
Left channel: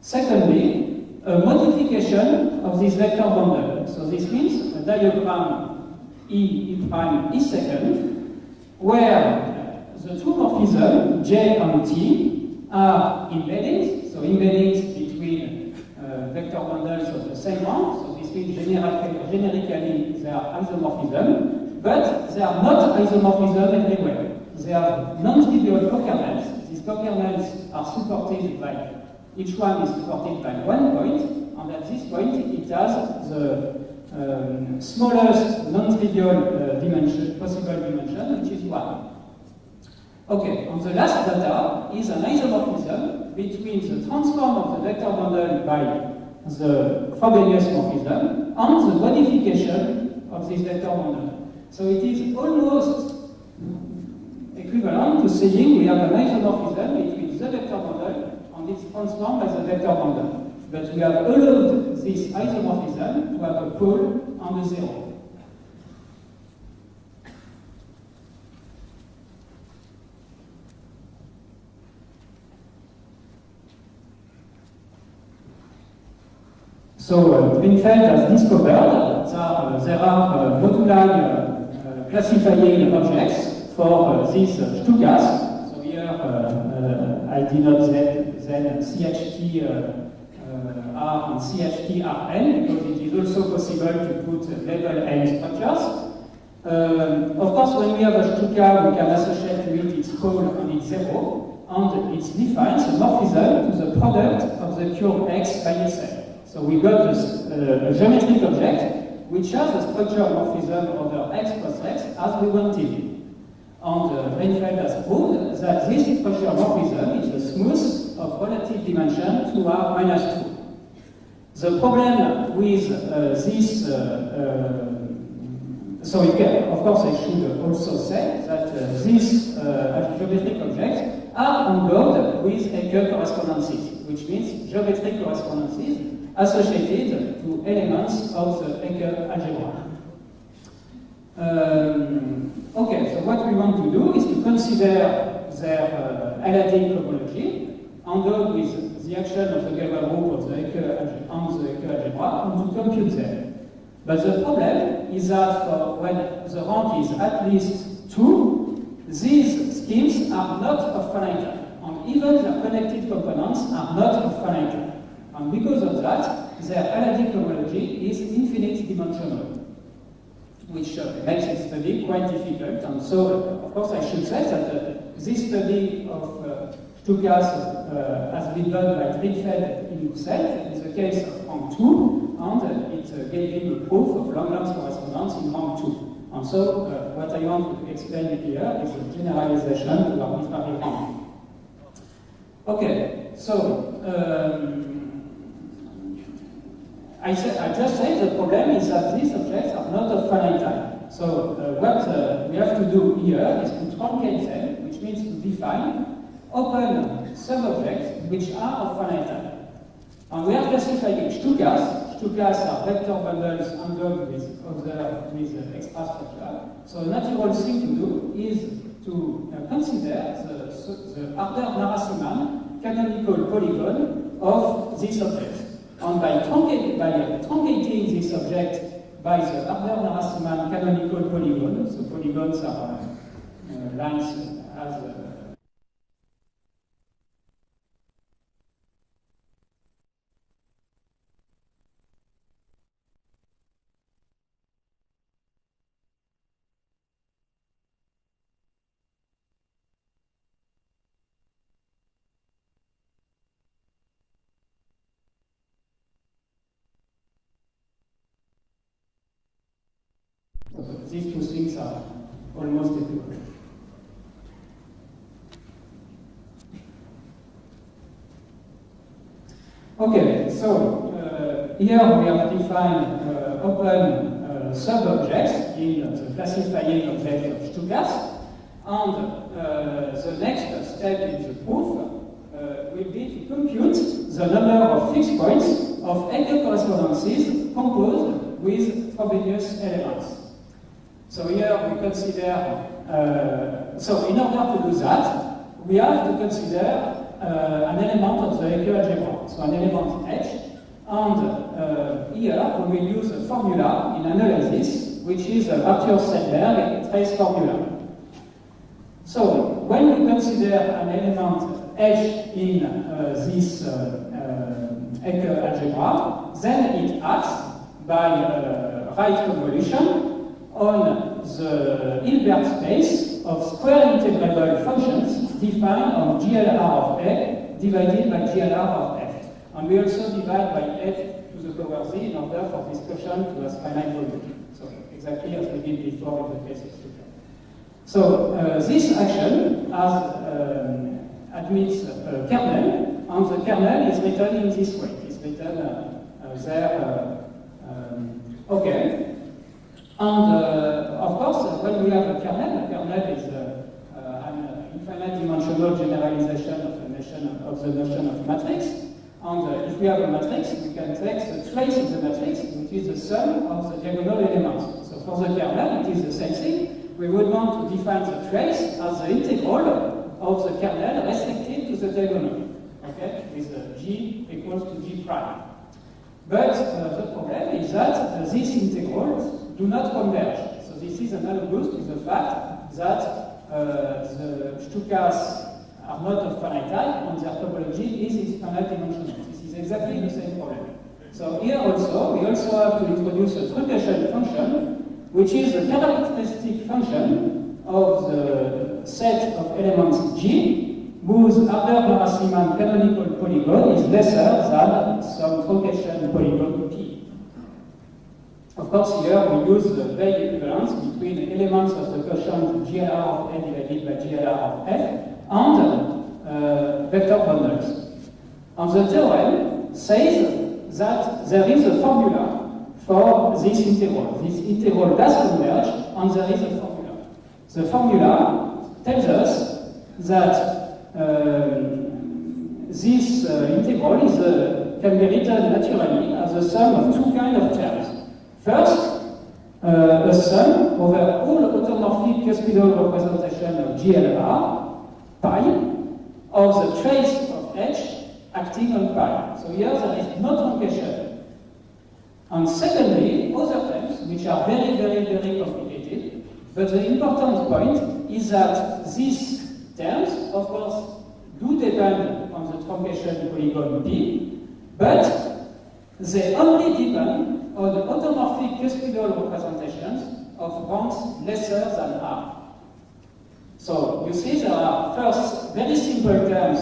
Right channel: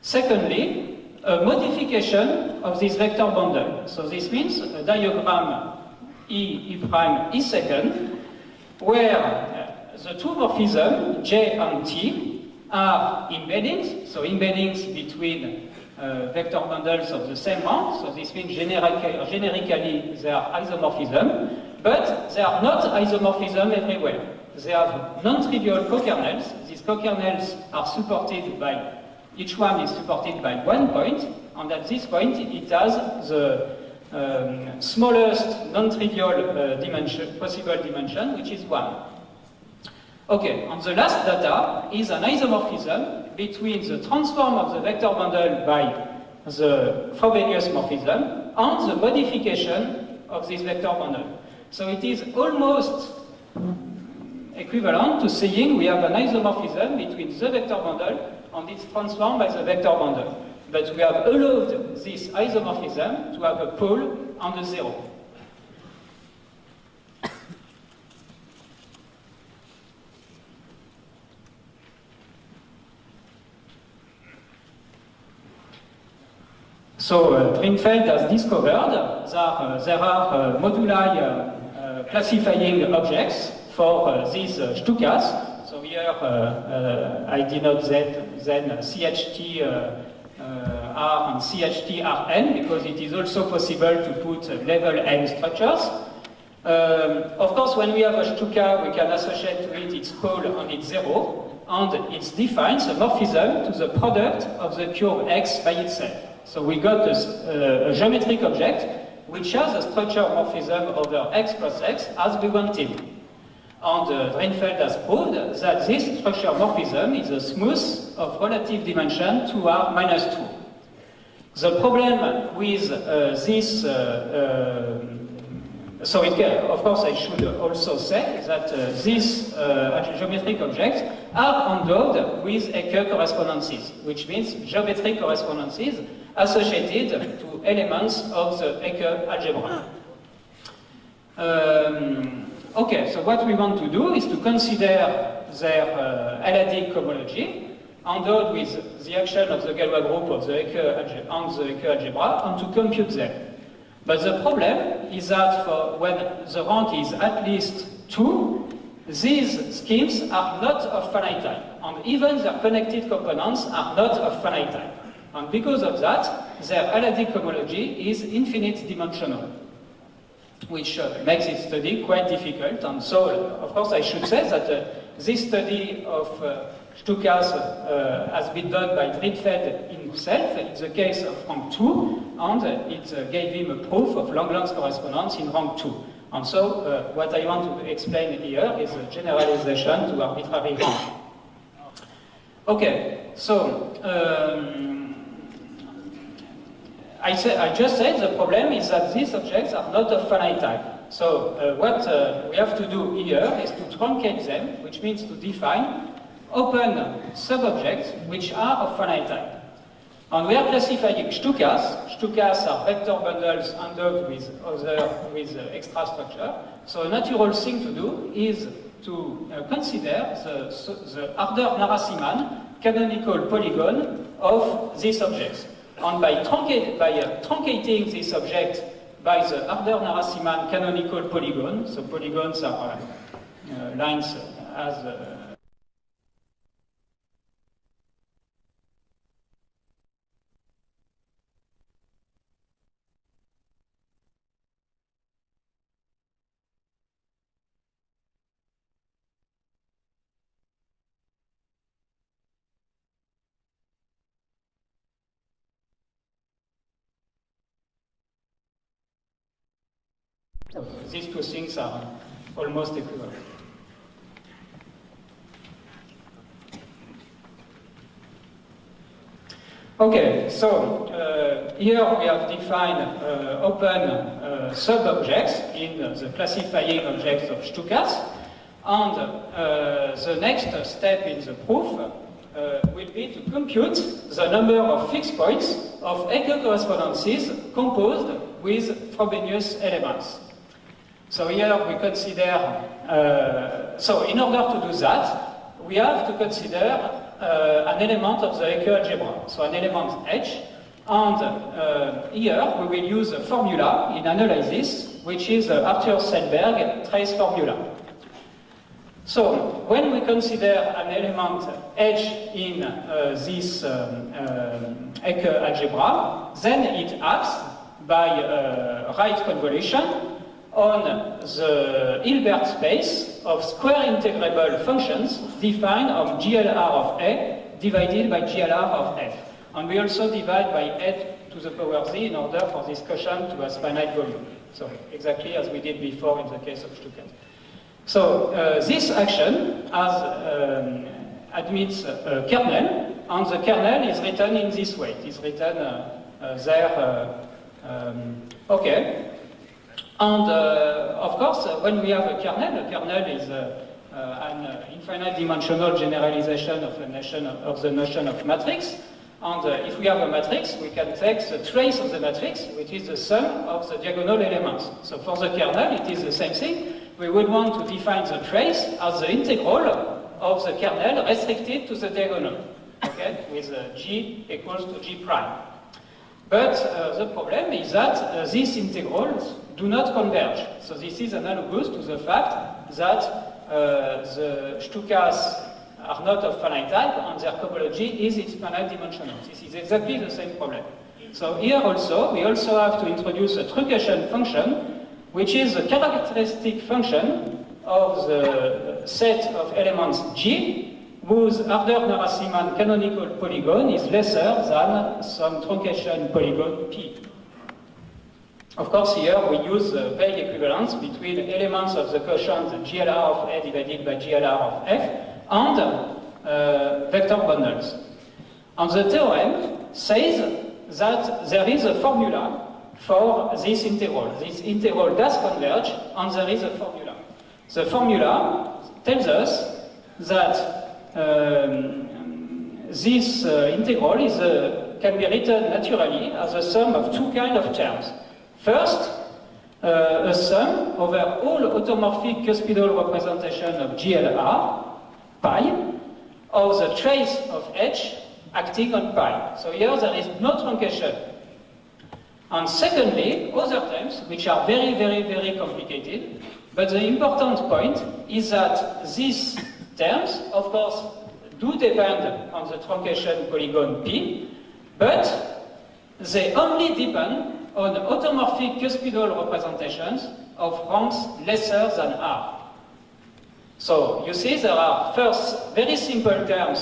Secondly, a modification of this vector bundle. So this means a diagram E prime E second, where the two morphisms J and T are embeddings, so embeddings between vector bundles of the same rank, so this means generically they are isomorphism, but they are not isomorphism everywhere. They have non-trivial cokernels. These cokernels are supported by, each one is supported by one point, and at this point it has the smallest non-trivial possible dimension, which is 1. Okay, and the last data is an isomorphism between the transform of the vector bundle by the Frobenius morphism and the modification of this vector bundle. So it is almost equivalent to saying we have an isomorphism between the vector bundle and its transform by the vector bundle. But we have allowed this isomorphism to have a pole and a zero. So Drinfeld has discovered that there are moduli classifying objects for these Stukas. So here I denote then CHT R and CHT Rn because it is also possible to put level n structures. Of course, when we have a Stuka, we can associate to it its pole and its zero, and it defines a morphism to the product of the curve X by itself. So we got a geometric object which has a structure morphism over X plus X as we wanted. And Drinfeld has proved that this structure morphism is a smooth of relative dimension 2R minus 2. The problem with this, of course I should also say that these geometric objects are endowed with Hecke correspondences, which means geometric correspondences associated to elements of the Hecke algebra. Okay, so what we want to do is to consider their L-adic cohomology endowed with the action of the Galois group of the on the Hecke algebra and to compute them. But the problem is that when the rank is at least 2, these schemes are not of finite type, and even their connected components are not of finite type. And because of that, their L-adic cohomology is infinite dimensional, which makes its study quite difficult. And so, of course, I should say that this study of Stukas has been done by Drinfeld himself in the case of rank 2, and it gave him a proof of Langlands correspondence in rank 2. And so, what I want to explain here is a generalization to arbitrary rank. Okay, so I just said the problem is that these objects are not of finite type. So what we have to do here is to truncate them, which means to define open sub-objects which are of finite type. And we are classifying Stukas. Stukas are vector bundles endowed with extra structure. So a natural thing to do is to consider the Harder-Narasimhan canonical polygon of these objects. And by truncating this object by the Harder-Narasimhan canonical polygon, so polygons are lines as these two things are almost equivalent. Okay, so here we have defined open sub-objects in the classifying objects of Stukas, and the next step in the proof will be to compute the number of fixed points of Hecke correspondences composed with Frobenius elements. So here we consider, so in order to do that, we have to consider an element of the Hecke algebra, so an element H, and here we will use a formula in analysis, which is Arthur Selberg trace formula. So when we consider an element H in this Hecke algebra, then it acts by right convolution on the Hilbert space of square integrable functions defined on GLR of A divided by GLR of F. And we also divide by F to the power Z in order for this quotient to have finite volume. So exactly as we did before in the case of Stuttgart. So this action admits a kernel, and the kernel is written in this way. It is written there, okay. And of course, when we have a kernel is an infinite dimensional generalization of the notion of matrix. And if we have a matrix, we can take the trace of the matrix, which is the sum of the diagonal elements. So for the kernel, it is the same thing. We would want to define the trace as the integral of the kernel restricted to the diagonal, okay, with G equals to G prime. But the problem is that these integrals do not converge. So this is analogous to the fact that the Stukas are not of finite type and their topology is infinite dimensional. This is exactly the same problem. So here also, we also have to introduce a truncation function, which is a characteristic function of the set of elements G, whose Harder-Narasimhan canonical polygon is lesser than some truncation polygon P. Of course, here we use the vague equivalence between elements of the quotient GLR of A divided by GLR of F and vector bundles. And the theorem says that there is a formula for this integral. This integral does converge, and there is a formula. The formula tells us that this integral can be written naturally as a sum of two kinds of terms. First, a sum over all automorphic cuspidal representation of GLR pi of the trace of H acting on pi. So here there is no truncation. And secondly, other terms, which are very, very, very complicated, but the important point is that these terms, of course, do depend on the truncation polygon P, but they only depend on the automorphic cuspidal representations of ranks lesser than R. So you see there are first very simple terms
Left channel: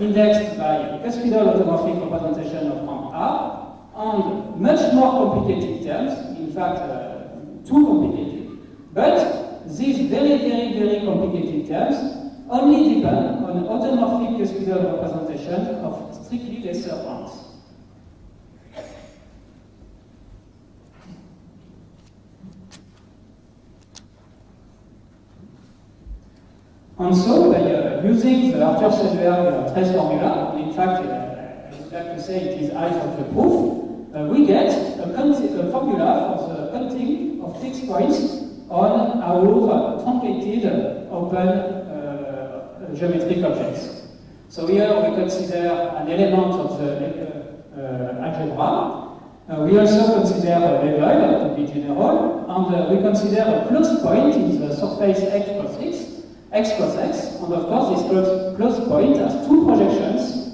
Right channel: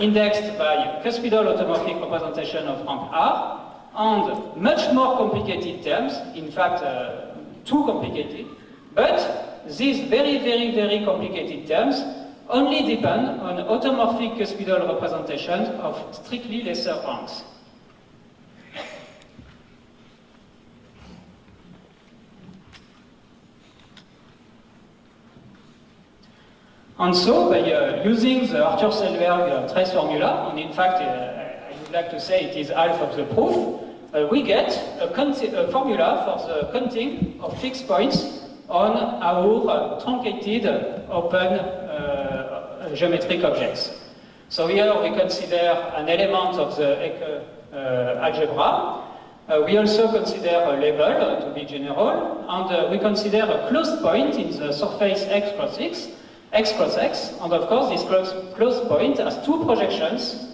indexed by cuspidal automorphic representation of rank R, and much more complicated terms, in fact too complicated, but these very, very, very complicated terms only depend on automorphic cuspidal representations of strictly lesser ranks. And so, by using the Arthur-Selberg trace formula, and in fact, I would like to say it is half of the proof, we get a formula for the counting of fixed points on our truncated open geometric objects. So here we consider an element of the algebra. We also consider a level, to be general, and we consider a closed point in the surface x cross x, and of course this closed point has two projections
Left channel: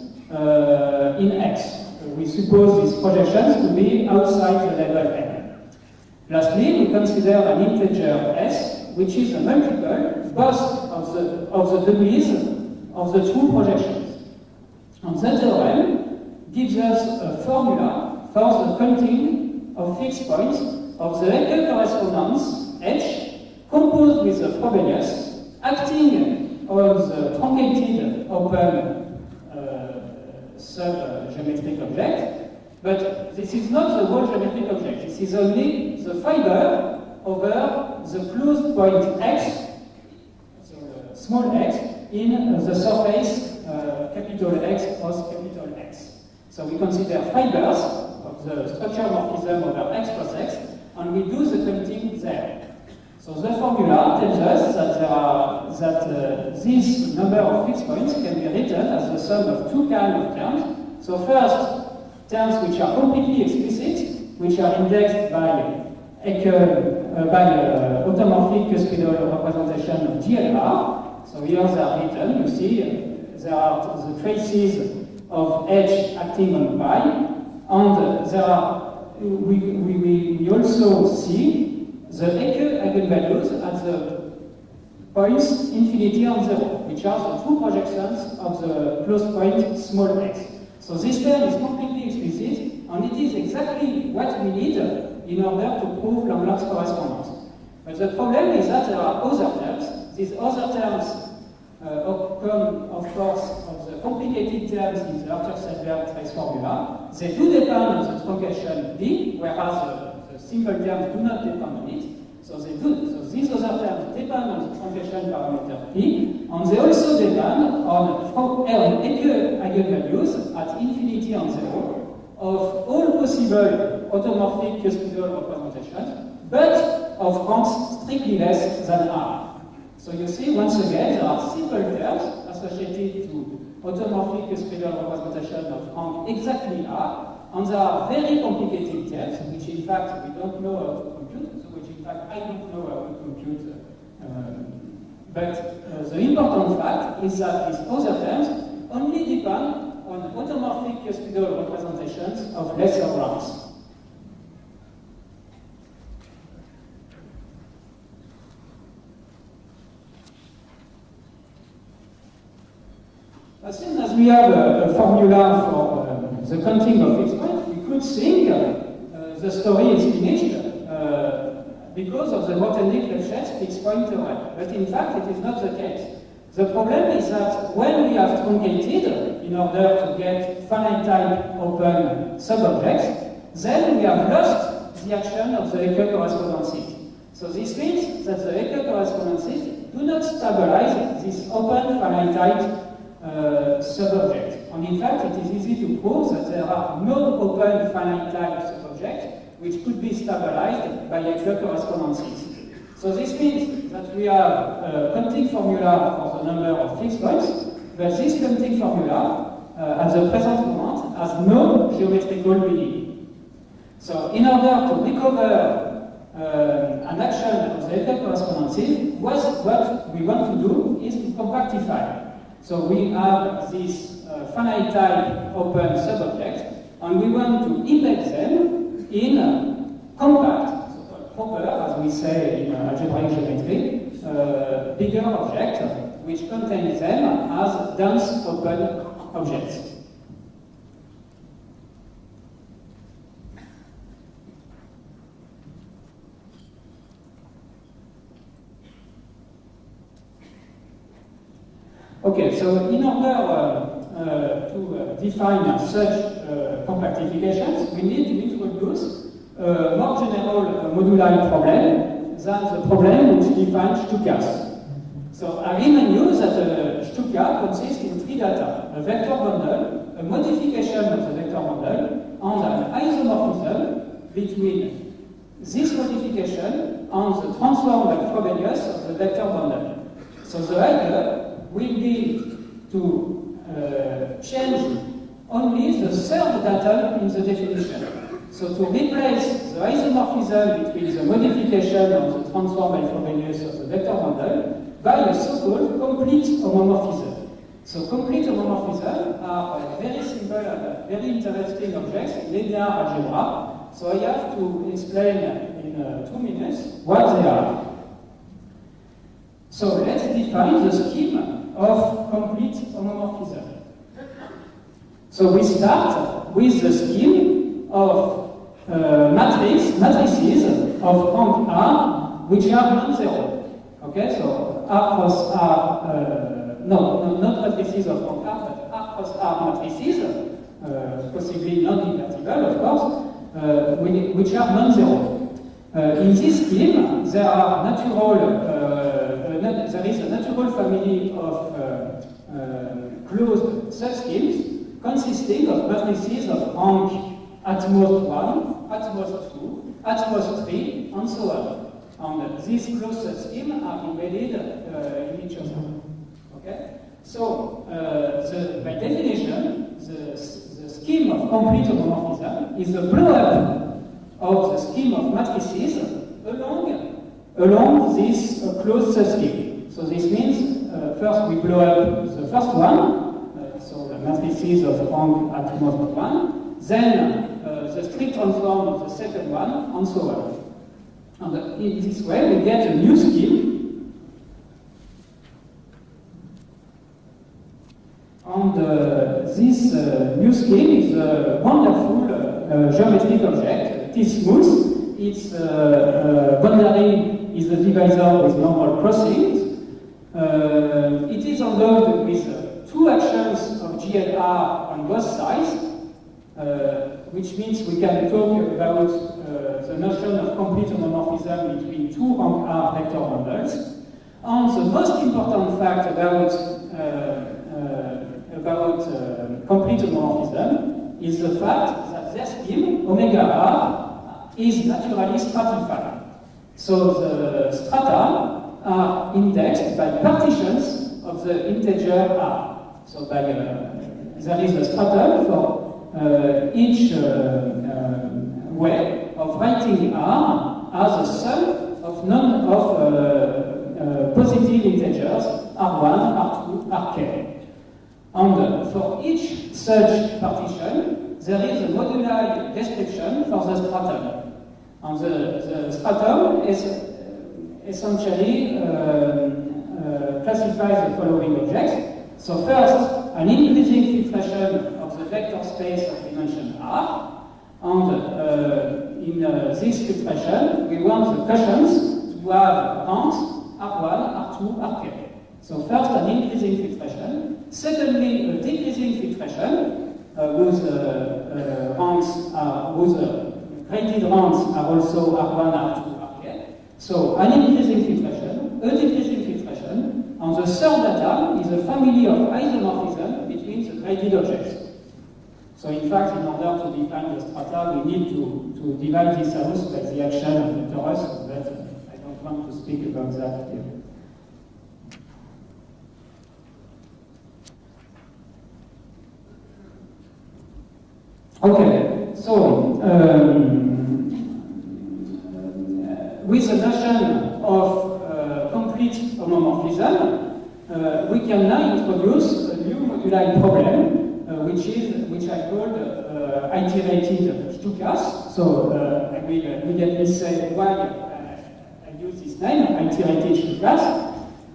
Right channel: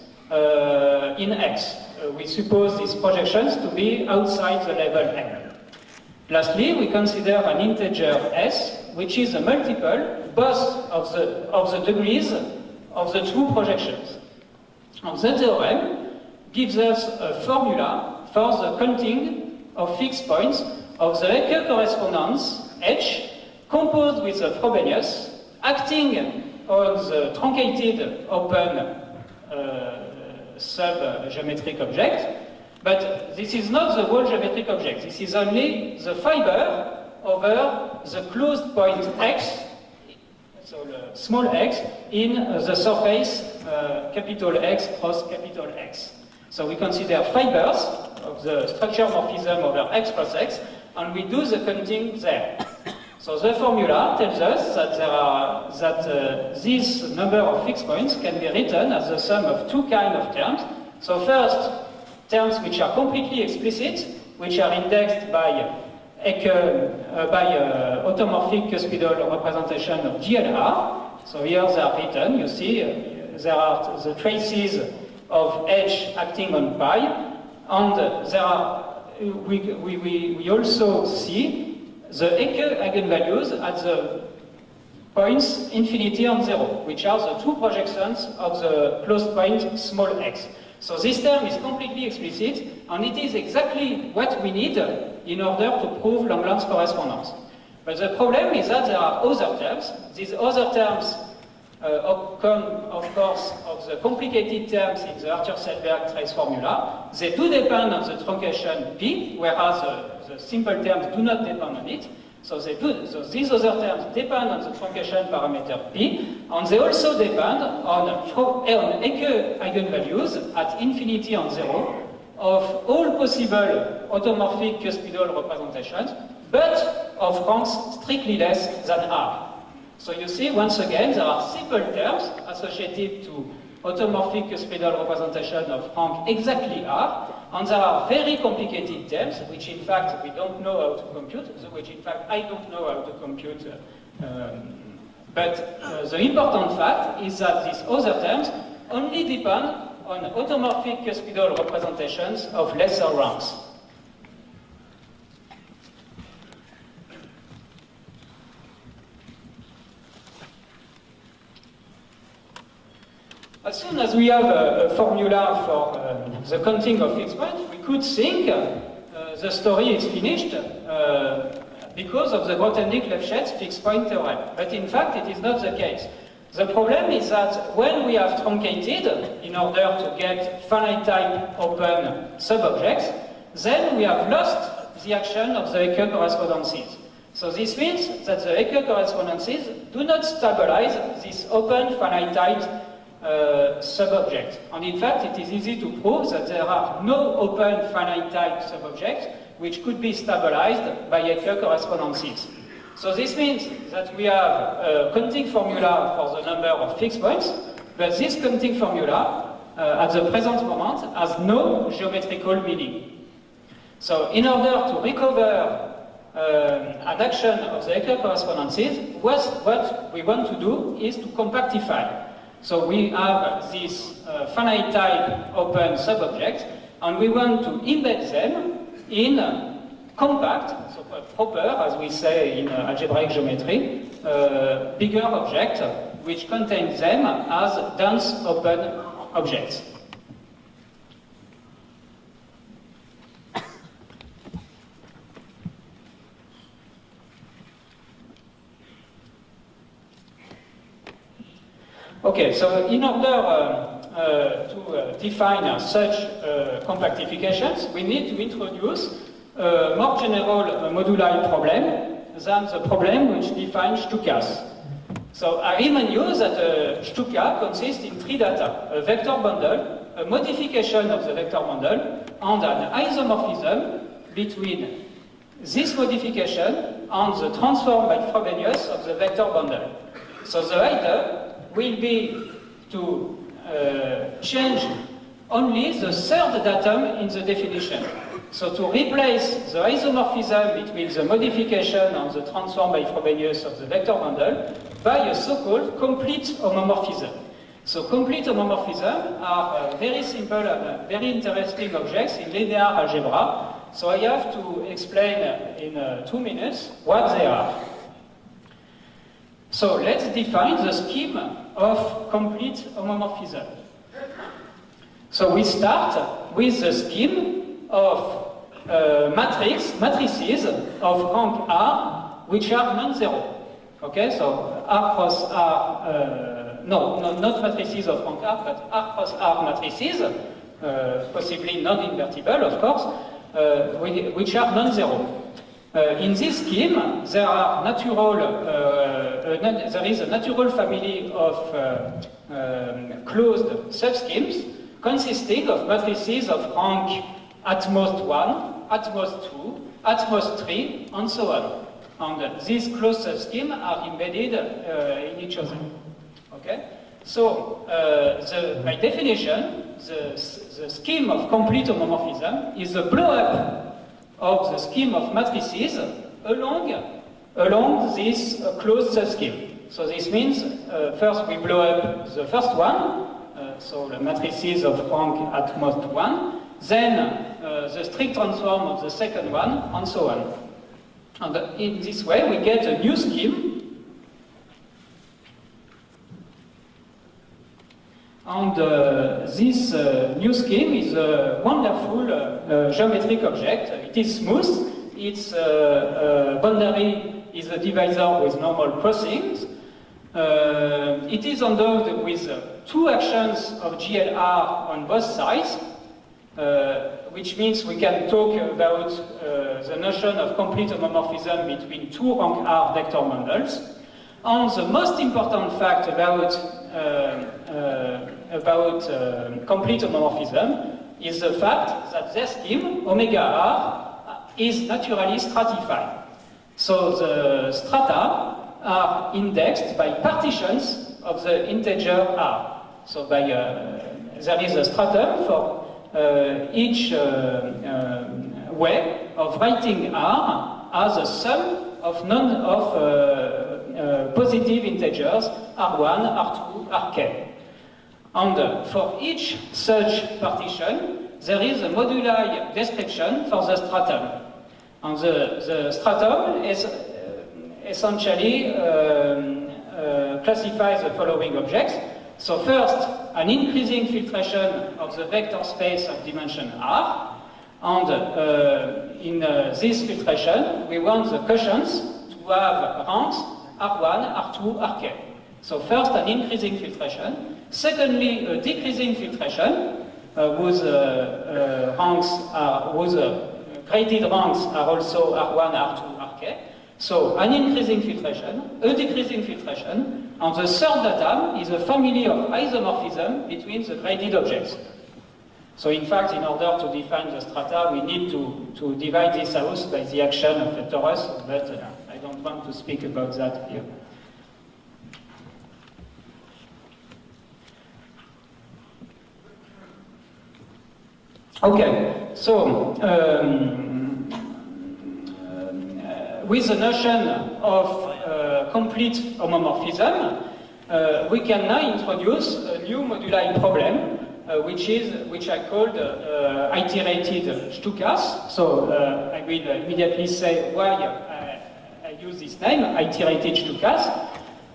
in x. We suppose these projections to be outside the level M. Lastly, we consider an integer s, which is a multiple both of the degrees of the two projections. And the theorem gives us a formula for the counting of fixed points of the Hecke correspondence H composed with the Frobenius acting on the truncated open sub-geometric object, but this is not the whole geometric object. This is only the fiber over the closed point x, so the small x, in the surface capital X cross capital X. So we consider fibers of the structure morphism over x cross x, and we do the counting there. So the formula tells us that this number of fixed points can be written as the sum of two kinds of terms. So first, terms which are completely explicit, which are indexed by automorphic cuspidal representation of GLR. So here they are written, you see, there are the traces of H acting on pi, and there are, we also see the Hecke eigenvalues at the points infinity and 0, which are the two projections of the closed point small x. So this term is completely explicit, and it is exactly what we need in order to prove Langlands correspondence. But the problem is that there are other terms. These other terms come, of course, of the complicated terms in the Arthur-Selberg trace formula. They do depend on the truncation B, whereas the simple terms do not depend on it. So they do. So these other terms depend on the truncation parameter P, and they also depend on Hecke eigenvalues at infinity and 0 of all possible automorphic cuspidal representations, but of ranks strictly less than R. So you see, once again, there are simple terms associated to automorphic cuspidal representation of rank exactly R, and there are very complicated terms, which in fact we don't know how to compute, which in fact I don't know how to compute. But the important fact is that these other terms only depend on automorphic cuspidal representations of lesser ranks. As soon as we have a formula for the counting of fixed points, we could think the story is finished because of the Grothendieck-Lefschetz fixed point theorem. But in fact, it is not the case. The problem is that when we have truncated in order to get finite type open sub-objects, then we have lost the action of the Hecke correspondences. So this means that the Hecke correspondences do not stabilize this open finite type sub-object. And in fact, it is easy to prove that there are no open finite type sub-objects which could be stabilized by Edler correspondences. So this means that we have a counting formula for the number of fixed points, but this counting formula, at the present moment, has no geometrical meaning. So in order to recover an action of the Edler correspondences, what we want to do is to compactify. So we have this finite type open subobjects, and we want to embed them in compact, so proper, as we say in algebraic geometry, bigger object, which contains them as dense open objects. Okay, so in order to define such compactifications, we need to introduce a more general moduli problem than the problem which defines Stukas. So I remind you that a Stuka consists in three data: a vector bundle, a modification of the vector bundle, and an isomorphism between this modification and the transform by Frobenius of the vector bundle. So the idea will be to change only the third datum in the definition. So to replace the isomorphism between the modification and the transform by Frobenius of the vector bundle by a so-called complete homomorphism. So complete homomorphism are very simple and very interesting objects in linear algebra. So I have to explain in 2 minutes what they are. So let's define the scheme of complete homomorphism. So we start with the scheme of matrices of rank R which are non-zero. Okay, so R cross R, not matrices of rank R, but R cross R matrices, possibly non-invertible, of course, which are non-zero. In this scheme, there are there is a natural family of closed subschemes consisting of matrices of rank at most 1, at most 2, at most 3, and so on. And these closed subschemes are embedded in each other. Okay? So, by definition, the scheme of complete homomorphism is a blow-up of the scheme of matrices along this closed subscheme. So this means first we blow up the first one, so the matrices of rank at most 1, then the strict transform of the second one, and so on. And in this way we get a new scheme. And this new scheme is a wonderful geometric object. It is smooth. Its boundary is a divisor with normal crossings. It is endowed with two actions of GLR on both sides, which means we can talk about the notion of complete homomorphism between two rank R vector bundles. And the most important fact about complete homomorphism is the fact that their scheme, omega R, is naturally stratified. So the strata are indexed by partitions of the integer R. So by there is a stratum for each way of writing R as a sum of positive integers R1, R2, Rk. And for each such partition, there is a moduli description for the stratum. And the stratum is essentially classifies the following objects. So first, an increasing filtration of the vector space of dimension R. And in this filtration, we want the quotients to have ranks R1, R2, Rk. So first, an increasing filtration. Secondly, a decreasing filtration whose ranks are, whose graded ranks are also R1, R2, Rk. So an increasing filtration, a decreasing filtration, and the third data is a family of isomorphism between the graded objects. So in fact, in order to define the strata, we need to divide this house by the action of the torus, but I don't want to speak about that here. Okay, so with the notion of complete homomorphism, we can now introduce a new moduli problem, which I called iterated Stukas. So I will immediately say why I use this name, iterated Stukas.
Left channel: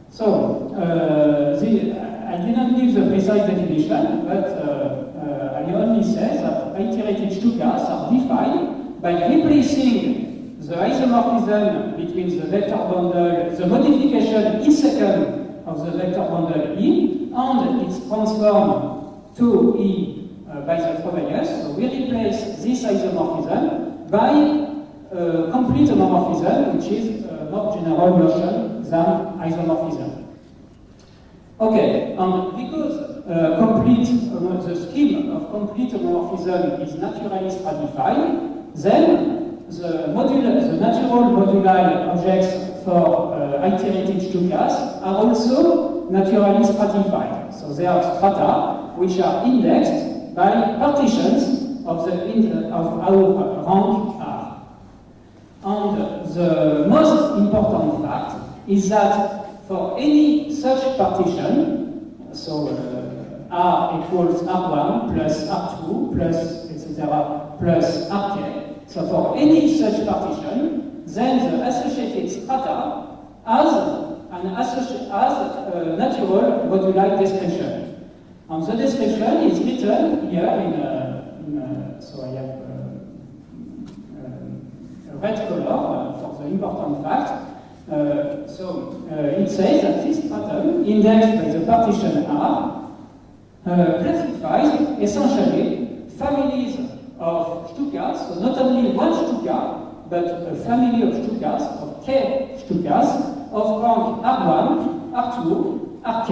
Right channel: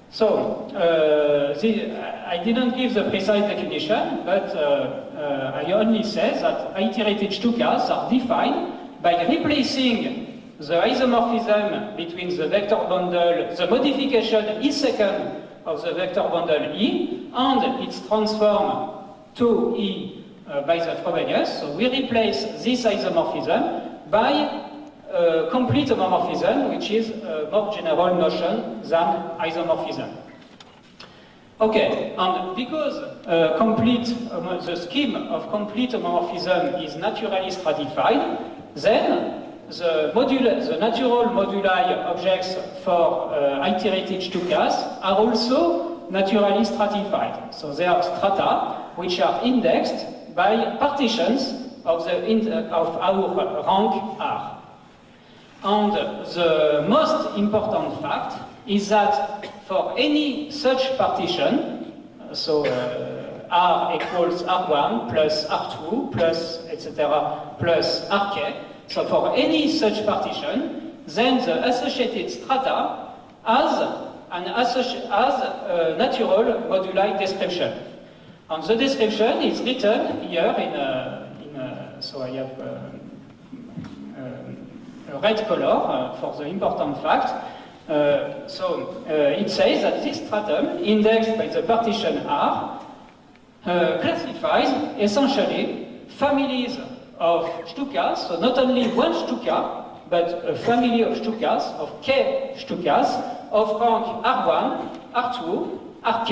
So I didn't give the precise definition, but I only say that iterated Stukas are defined by replacing the isomorphism between the vector bundle, the modification E second of the vector bundle E, and its transform to E by the Frobenius. So we replace this isomorphism by complete homomorphism, which is a more general notion than isomorphism. Okay, and because the scheme of complete homomorphism is naturally stratified, then the natural moduli objects for iterated Stukas are also naturally stratified. So they are strata which are indexed by partitions of our rank R. And the most important fact is that for any such partition, so R equals R1 plus R2 plus etc. plus Rk, so for any such partition, then the associated strata has a natural moduli description. And the description is written here so I have a red color for the important fact. It says that this stratum, indexed by the partition R, classifies essentially families of Stukas, so not only one Stuka, but a family of Stukas, of K Stukas, of rank R1, R2, Rk.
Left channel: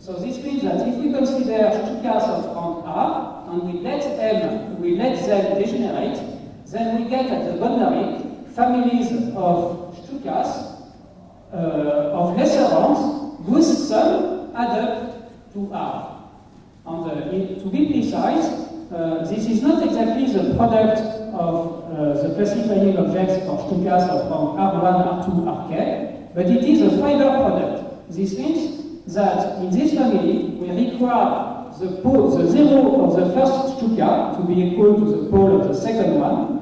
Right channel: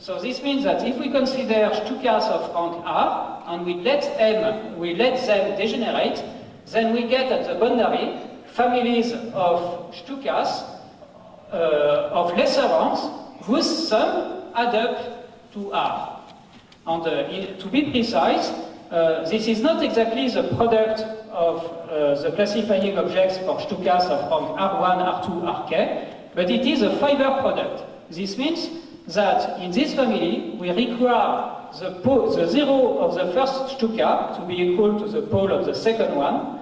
So this means that if we consider Stukas of rank R, and we let them degenerate, then we get at the boundary families of Stukas of lesser ranks whose sum add up to R. And to be precise, this is not exactly the product of the classifying objects for Stukas of rank R1, R2, Rk, but it is a fiber product. This means that in this family, we require the zero of the first Stuka to be equal to the pole of the second one,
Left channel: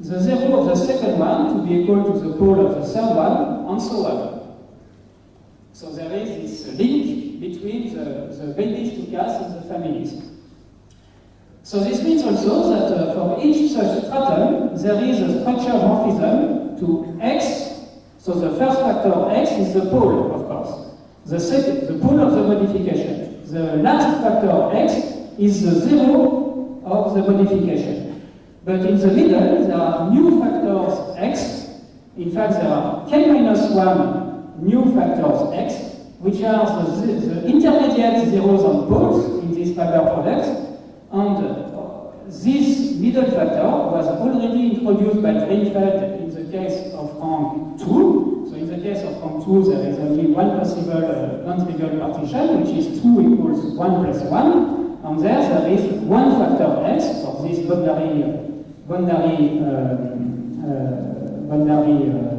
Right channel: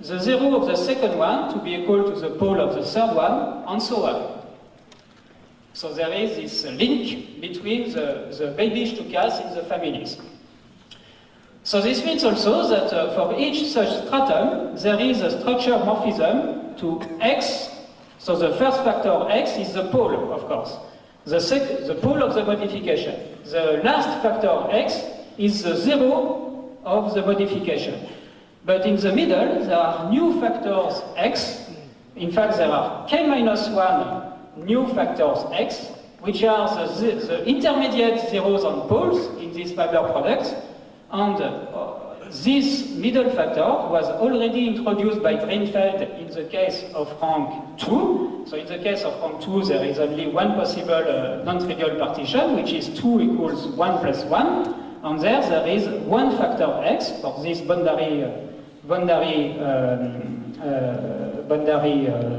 the zero of the second one to be equal to the pole of the third one, and so on. So there is this link between the baby Stukas in the families. So this means also that for each such stratum, there is a structure morphism to X. So the first factor X is the pole, of course. The pole of the modification. The last factor X is the zero of the modification. But in the middle, there are new factors X. In fact, there are K-1 new factors X, which are the intermediate zeros and poles in this fiber product. And this middle factor was already introduced by Greenfeld in the case of rank 2. So in the case of rank 2, there is only one possible non-trivial partition, which is 2 equals 1 plus 1. And there is one factor X for this boundary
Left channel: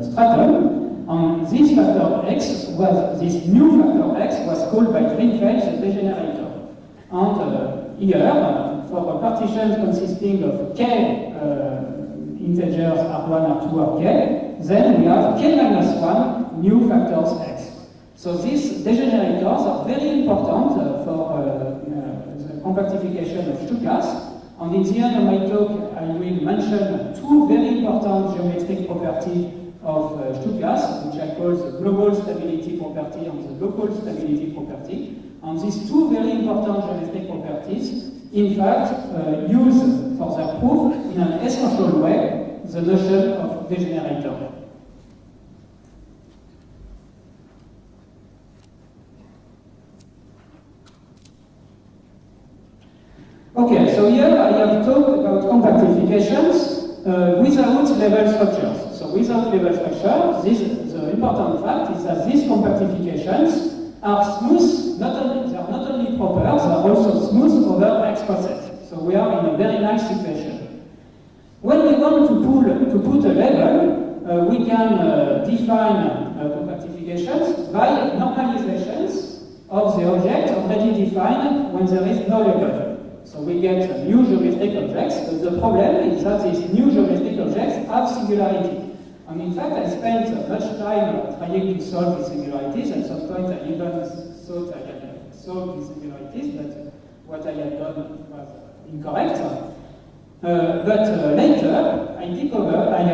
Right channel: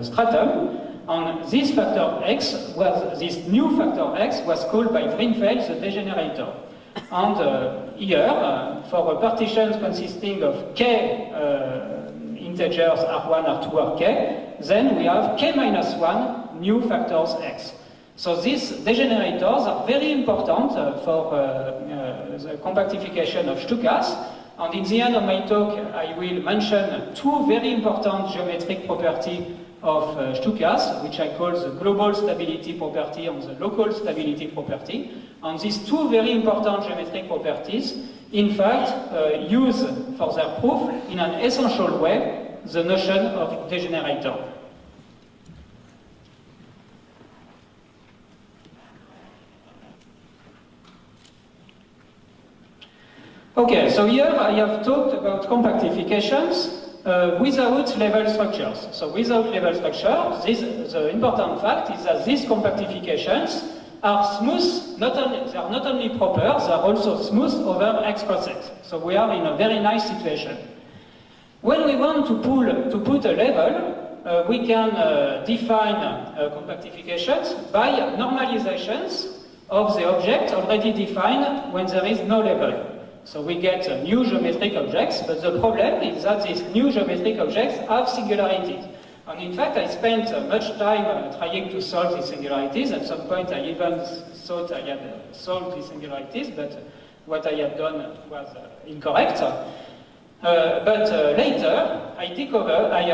stratum. And this factor X this new factor X was called by Greenfeld the degenerator. And here, for partitions consisting of K integers R1, R2, Rk, then we have K-1 new factors X. So these degenerators are very important for the compactification of Stukas. And in the end of my talk, I will mention two very important geometric properties of Stukas, which I call the global stability property and the local stability property. And these two very important geometric properties, in fact, use for their proof in an essential way the notion of degenerator. Okay, so here I have talked about compactifications without level structures. So without level structure, the important fact is that these compactifications are smooth, they are not only proper, they are also smooth over X coset. So we are in a very nice situation. When we want to put a level, we can define compactifications by normalizations of the object already defined when there is no level. So we get new geometric objects, but the problem is that these new geometric objects have singularities. And in fact, I spent much time trying to solve these singularities. At some point, I even thought I had solved these singularities, but what I had done was incorrect. But later, I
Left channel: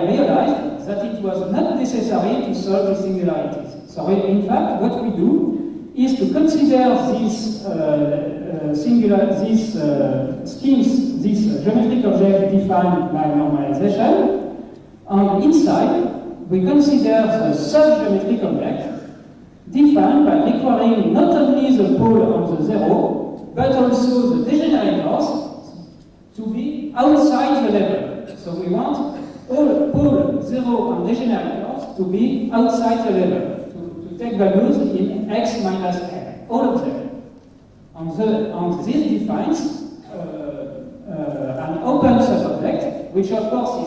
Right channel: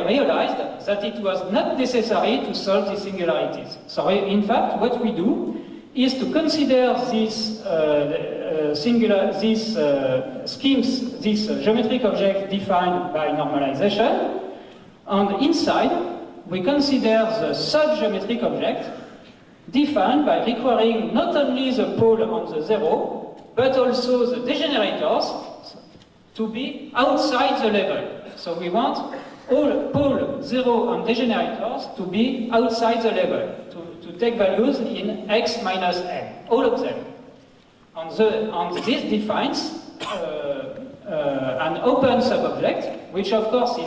realized that it was not necessary to solve these singularities. So in fact, what we do is to consider these schemes, these geometric objects defined by normalization, and inside we consider the sub-geometric object defined by requiring not only the pole on the zero, but also the degenerators to be outside the level. So we want all pole, zero, and degenerators to be outside the level, to take values in x minus n, all of them. And this defines an open subobject, which of course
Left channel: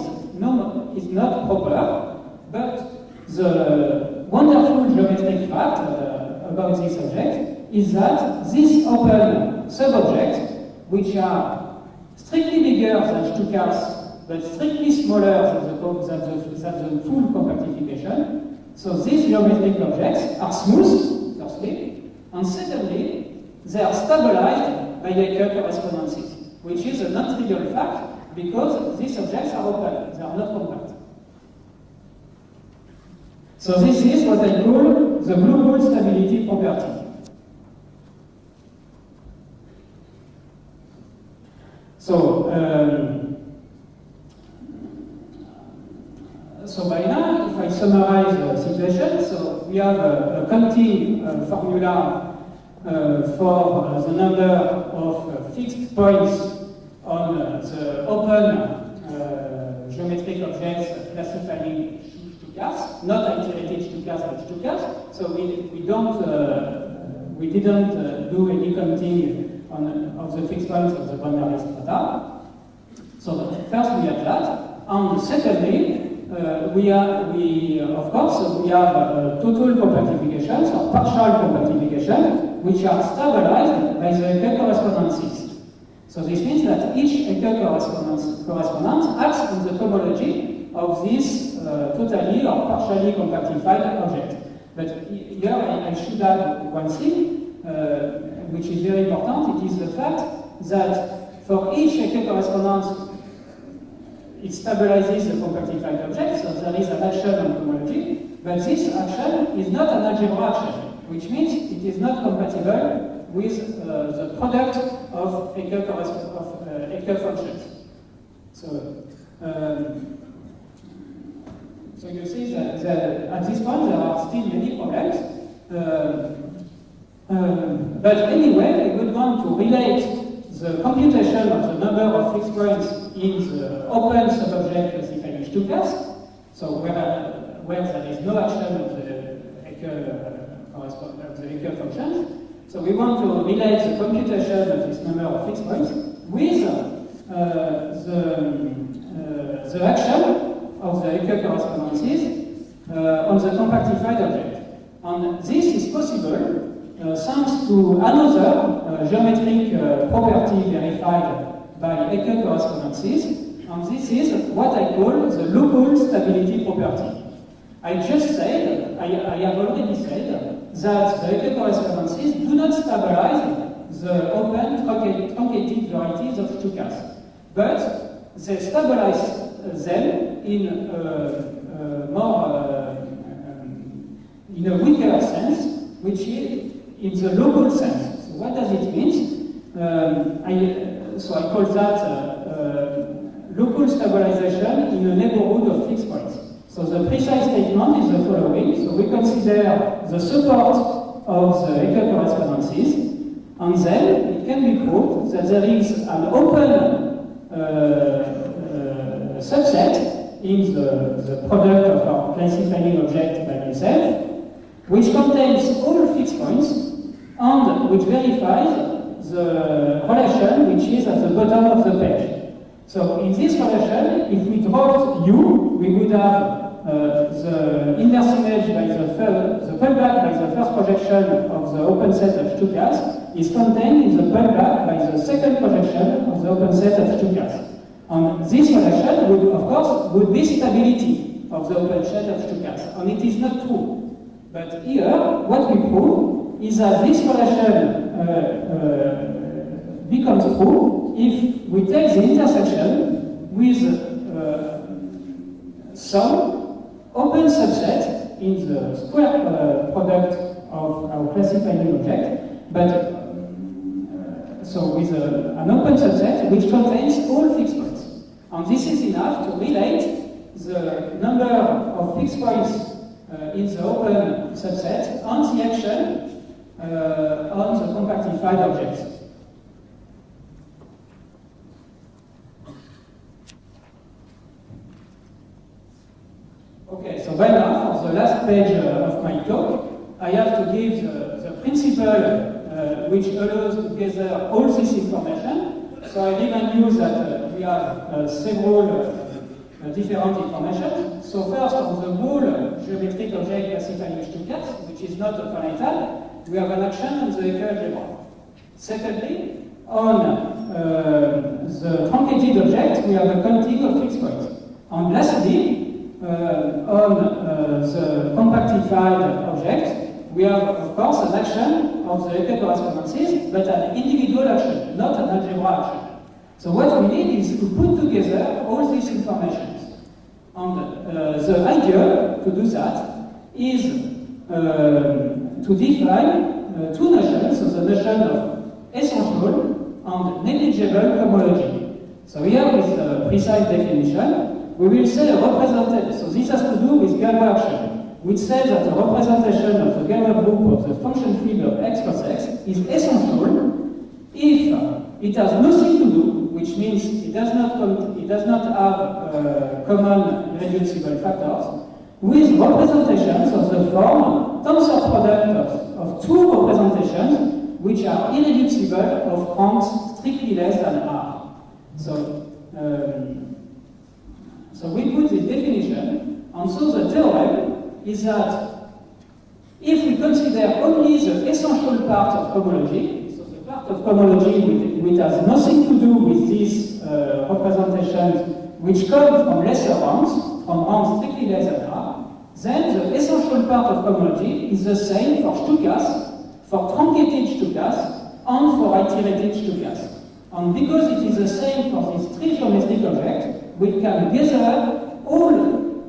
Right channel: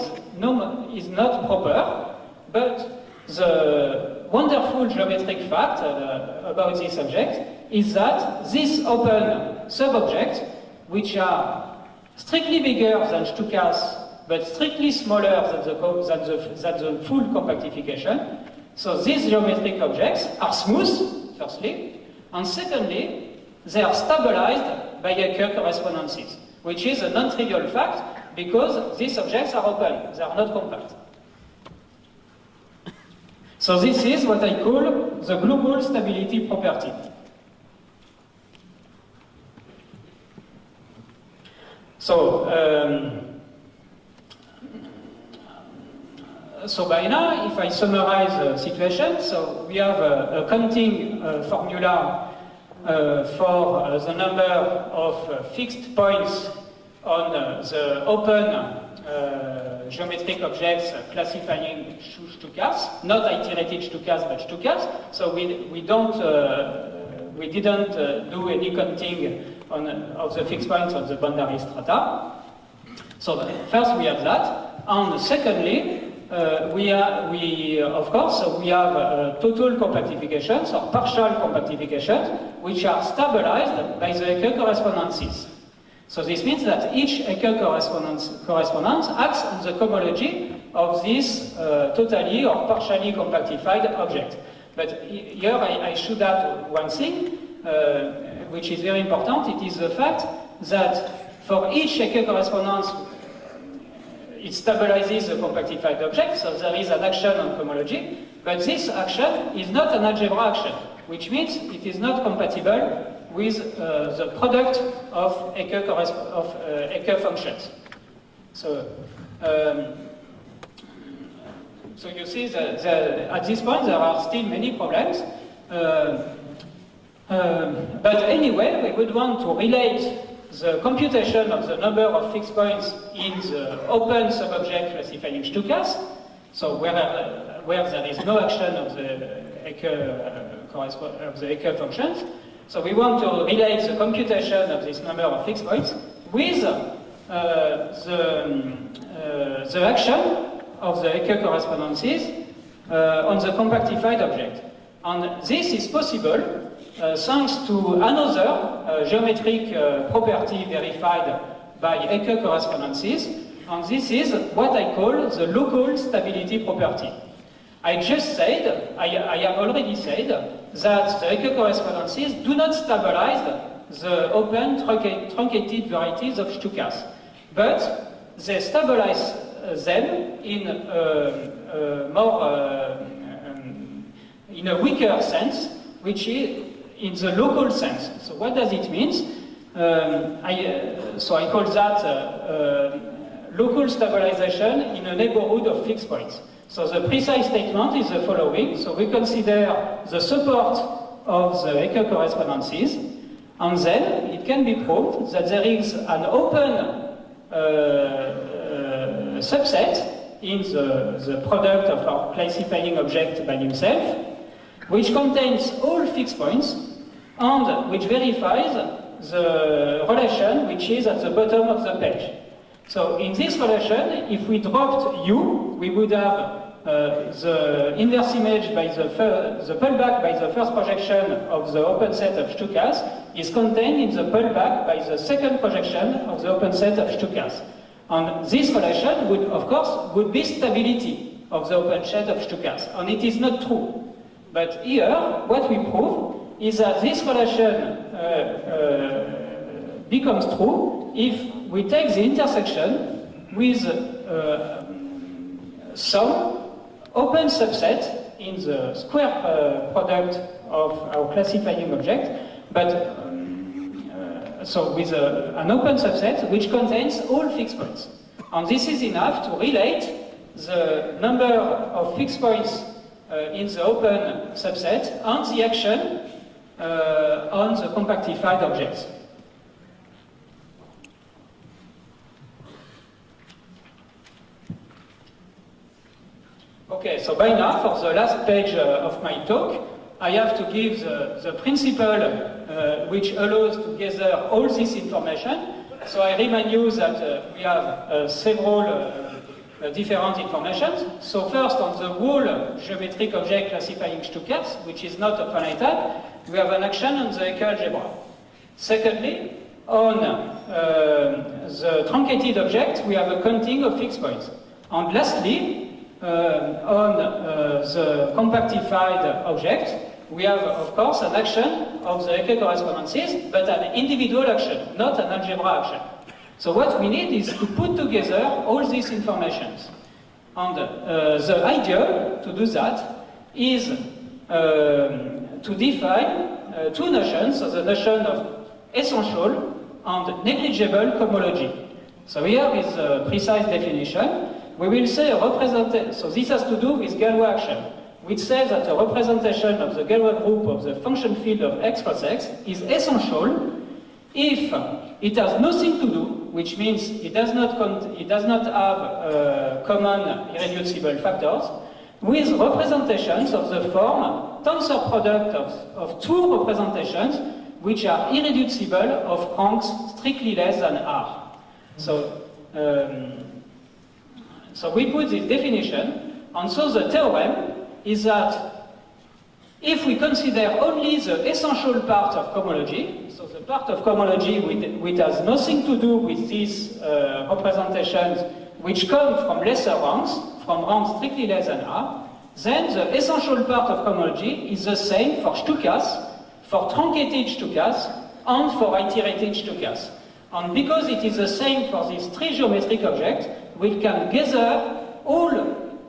is not proper, but the wonderful geometric fact about this object is that these open subobjects, which are strictly bigger than Stukas, but strictly smaller than the full compactification, so these geometric objects are smooth, firstly, and secondly, they are stabilized by Ecker correspondences, which is a non-trivial fact because these objects are open, they are not compact. So this is what I call the global stability property. So by now, if I summarize the situation, so we have a counting formula for the number of fixed points on the open geometric objects classifying Stukas, not iterated Stukas, but Stukas. So we didn't do any counting of the fixed points of the boundary strata. So first we have that, and secondly, we have total compactifications or partial compactifications, which are stabilized by the Ecker correspondences. So this means that each Ecker correspondence acts on the cohomology of this totally or partially compactified object. But here I should add one thing, which is very important. It is the fact that for each Ecker correspondence, it stabilizes the compactified object, so there is an action on cohomology, but this action is not an algebra action, which means it is not compatible with the product of Ecker functions. So you see that at this point there are still many problems, but anyway, we would want to relate the computation of the number of fixed points in the open subobject classifying Stukas, so where there is no action of the Ecker functions. So we want to relate the computation of this number of fixed points with the action of the Ecker correspondences on the compactified object. And this is possible thanks to another geometric property verified by Ecker correspondences, and this is what I call the local stability property. I have already said that the Ecker correspondences do not stabilize the open truncated varieties of Stukas, but they stabilize them in a weaker sense, which is in the local sense. So what does it mean? I call that local stabilization in a neighborhood of fixed points. So the precise statement is the following. So we consider the support of the Ecker correspondences, And then it can be proved that there is an open subset in the product of our classifying object by himself, which contains all fixed points and which verifies the relation which is at the bottom of the page. So in this relation, if we dropped U, we would have the inverse image by the pullback by the first projection of the open set of Stukas is contained in the pullback by the second projection of the open set of Stukas. And this relation would, of course, would be stability of the open set of Stukas, and it is not true. But here, what we prove is that this relation becomes true if we take the intersection with some open subset in the square product of our classifying object, but so with an open subset which contains all fixed points. And this is enough to relate the number of fixed points in the open subset and the action on the compactified objects. Okay, so by now, for the last page of my talk, I have to give the principle which allows to gather all this information. So I remind you that we have several different informations. So first, on the whole geometric object classifying Stukas, which is not a finite, we have an action on the Hecke algebra. Secondly, on the truncated object, we have a counting of fixed points. And lastly, on the compactified object, we have, of course, an action of the Hecke correspondences, but an individual action, not an algebra action. So what we need is to put together all these informations. And the idea to do that is to define two notions, so the notion of essential and negligible homology. So here with a precise definition, we will say a representation, so this has to do with Galois action, which says that a representation of the Galois group of the function field of x plus x is essential if it has nothing to do, which means it does not have common irreducible factors, with representations of the form tensor product of two representations which are irreducible of ranks strictly less than R. So we put this definition, and so the theorem is that if we consider only the essential part of cohomology, so the part of cohomology which has nothing to do with these representations which come from lesser ranks, from ranks strictly less than R, then the essential part of cohomology is the same for Stukas, for truncated Stukas, and for iterated Stukas. And because it is the same for these three geometric objects, we can gather all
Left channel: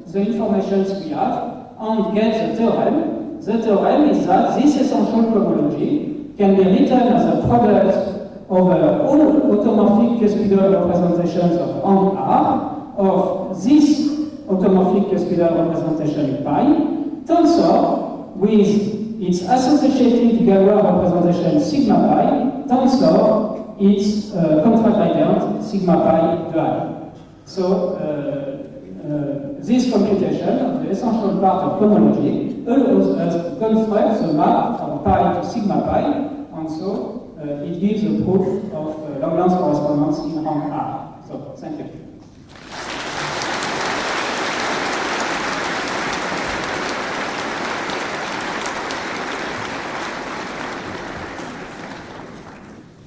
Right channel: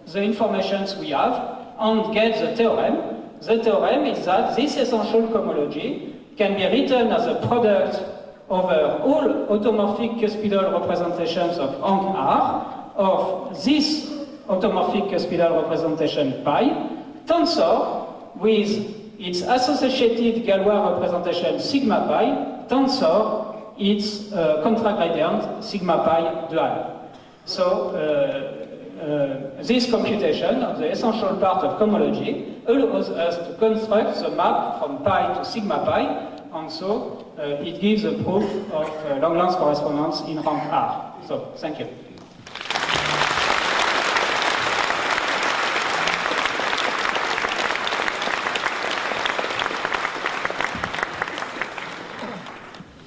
the informations we have and get the theorem. The theorem is that this essential cohomology can be written as a product over all automorphic cuspidal representations of rank R of this automorphic cuspidal representation pi, tensor with its associated Galois representation sigma pi, tensor its contragradient sigma pi dual. So this computation of the essential part of cohomology allows us to construct the map from pi to sigma pi, and so it gives a proof of Langlands correspondence in rank R. So, thank you.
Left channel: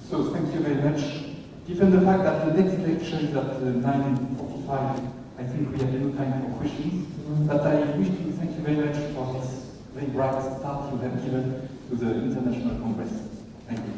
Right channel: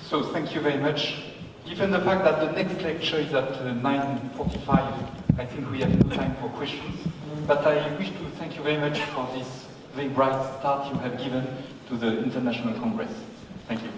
So thank you very much. Given the fact that the next lecture is at 9:45, I think we have no time for questions. But I wish to thank you very much for this very bright start you have given to the International Congress. Thank you.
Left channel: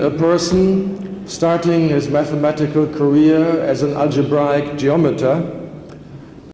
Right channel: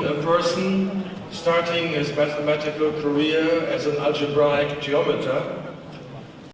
a person starting his mathematical career as an algebraic geometer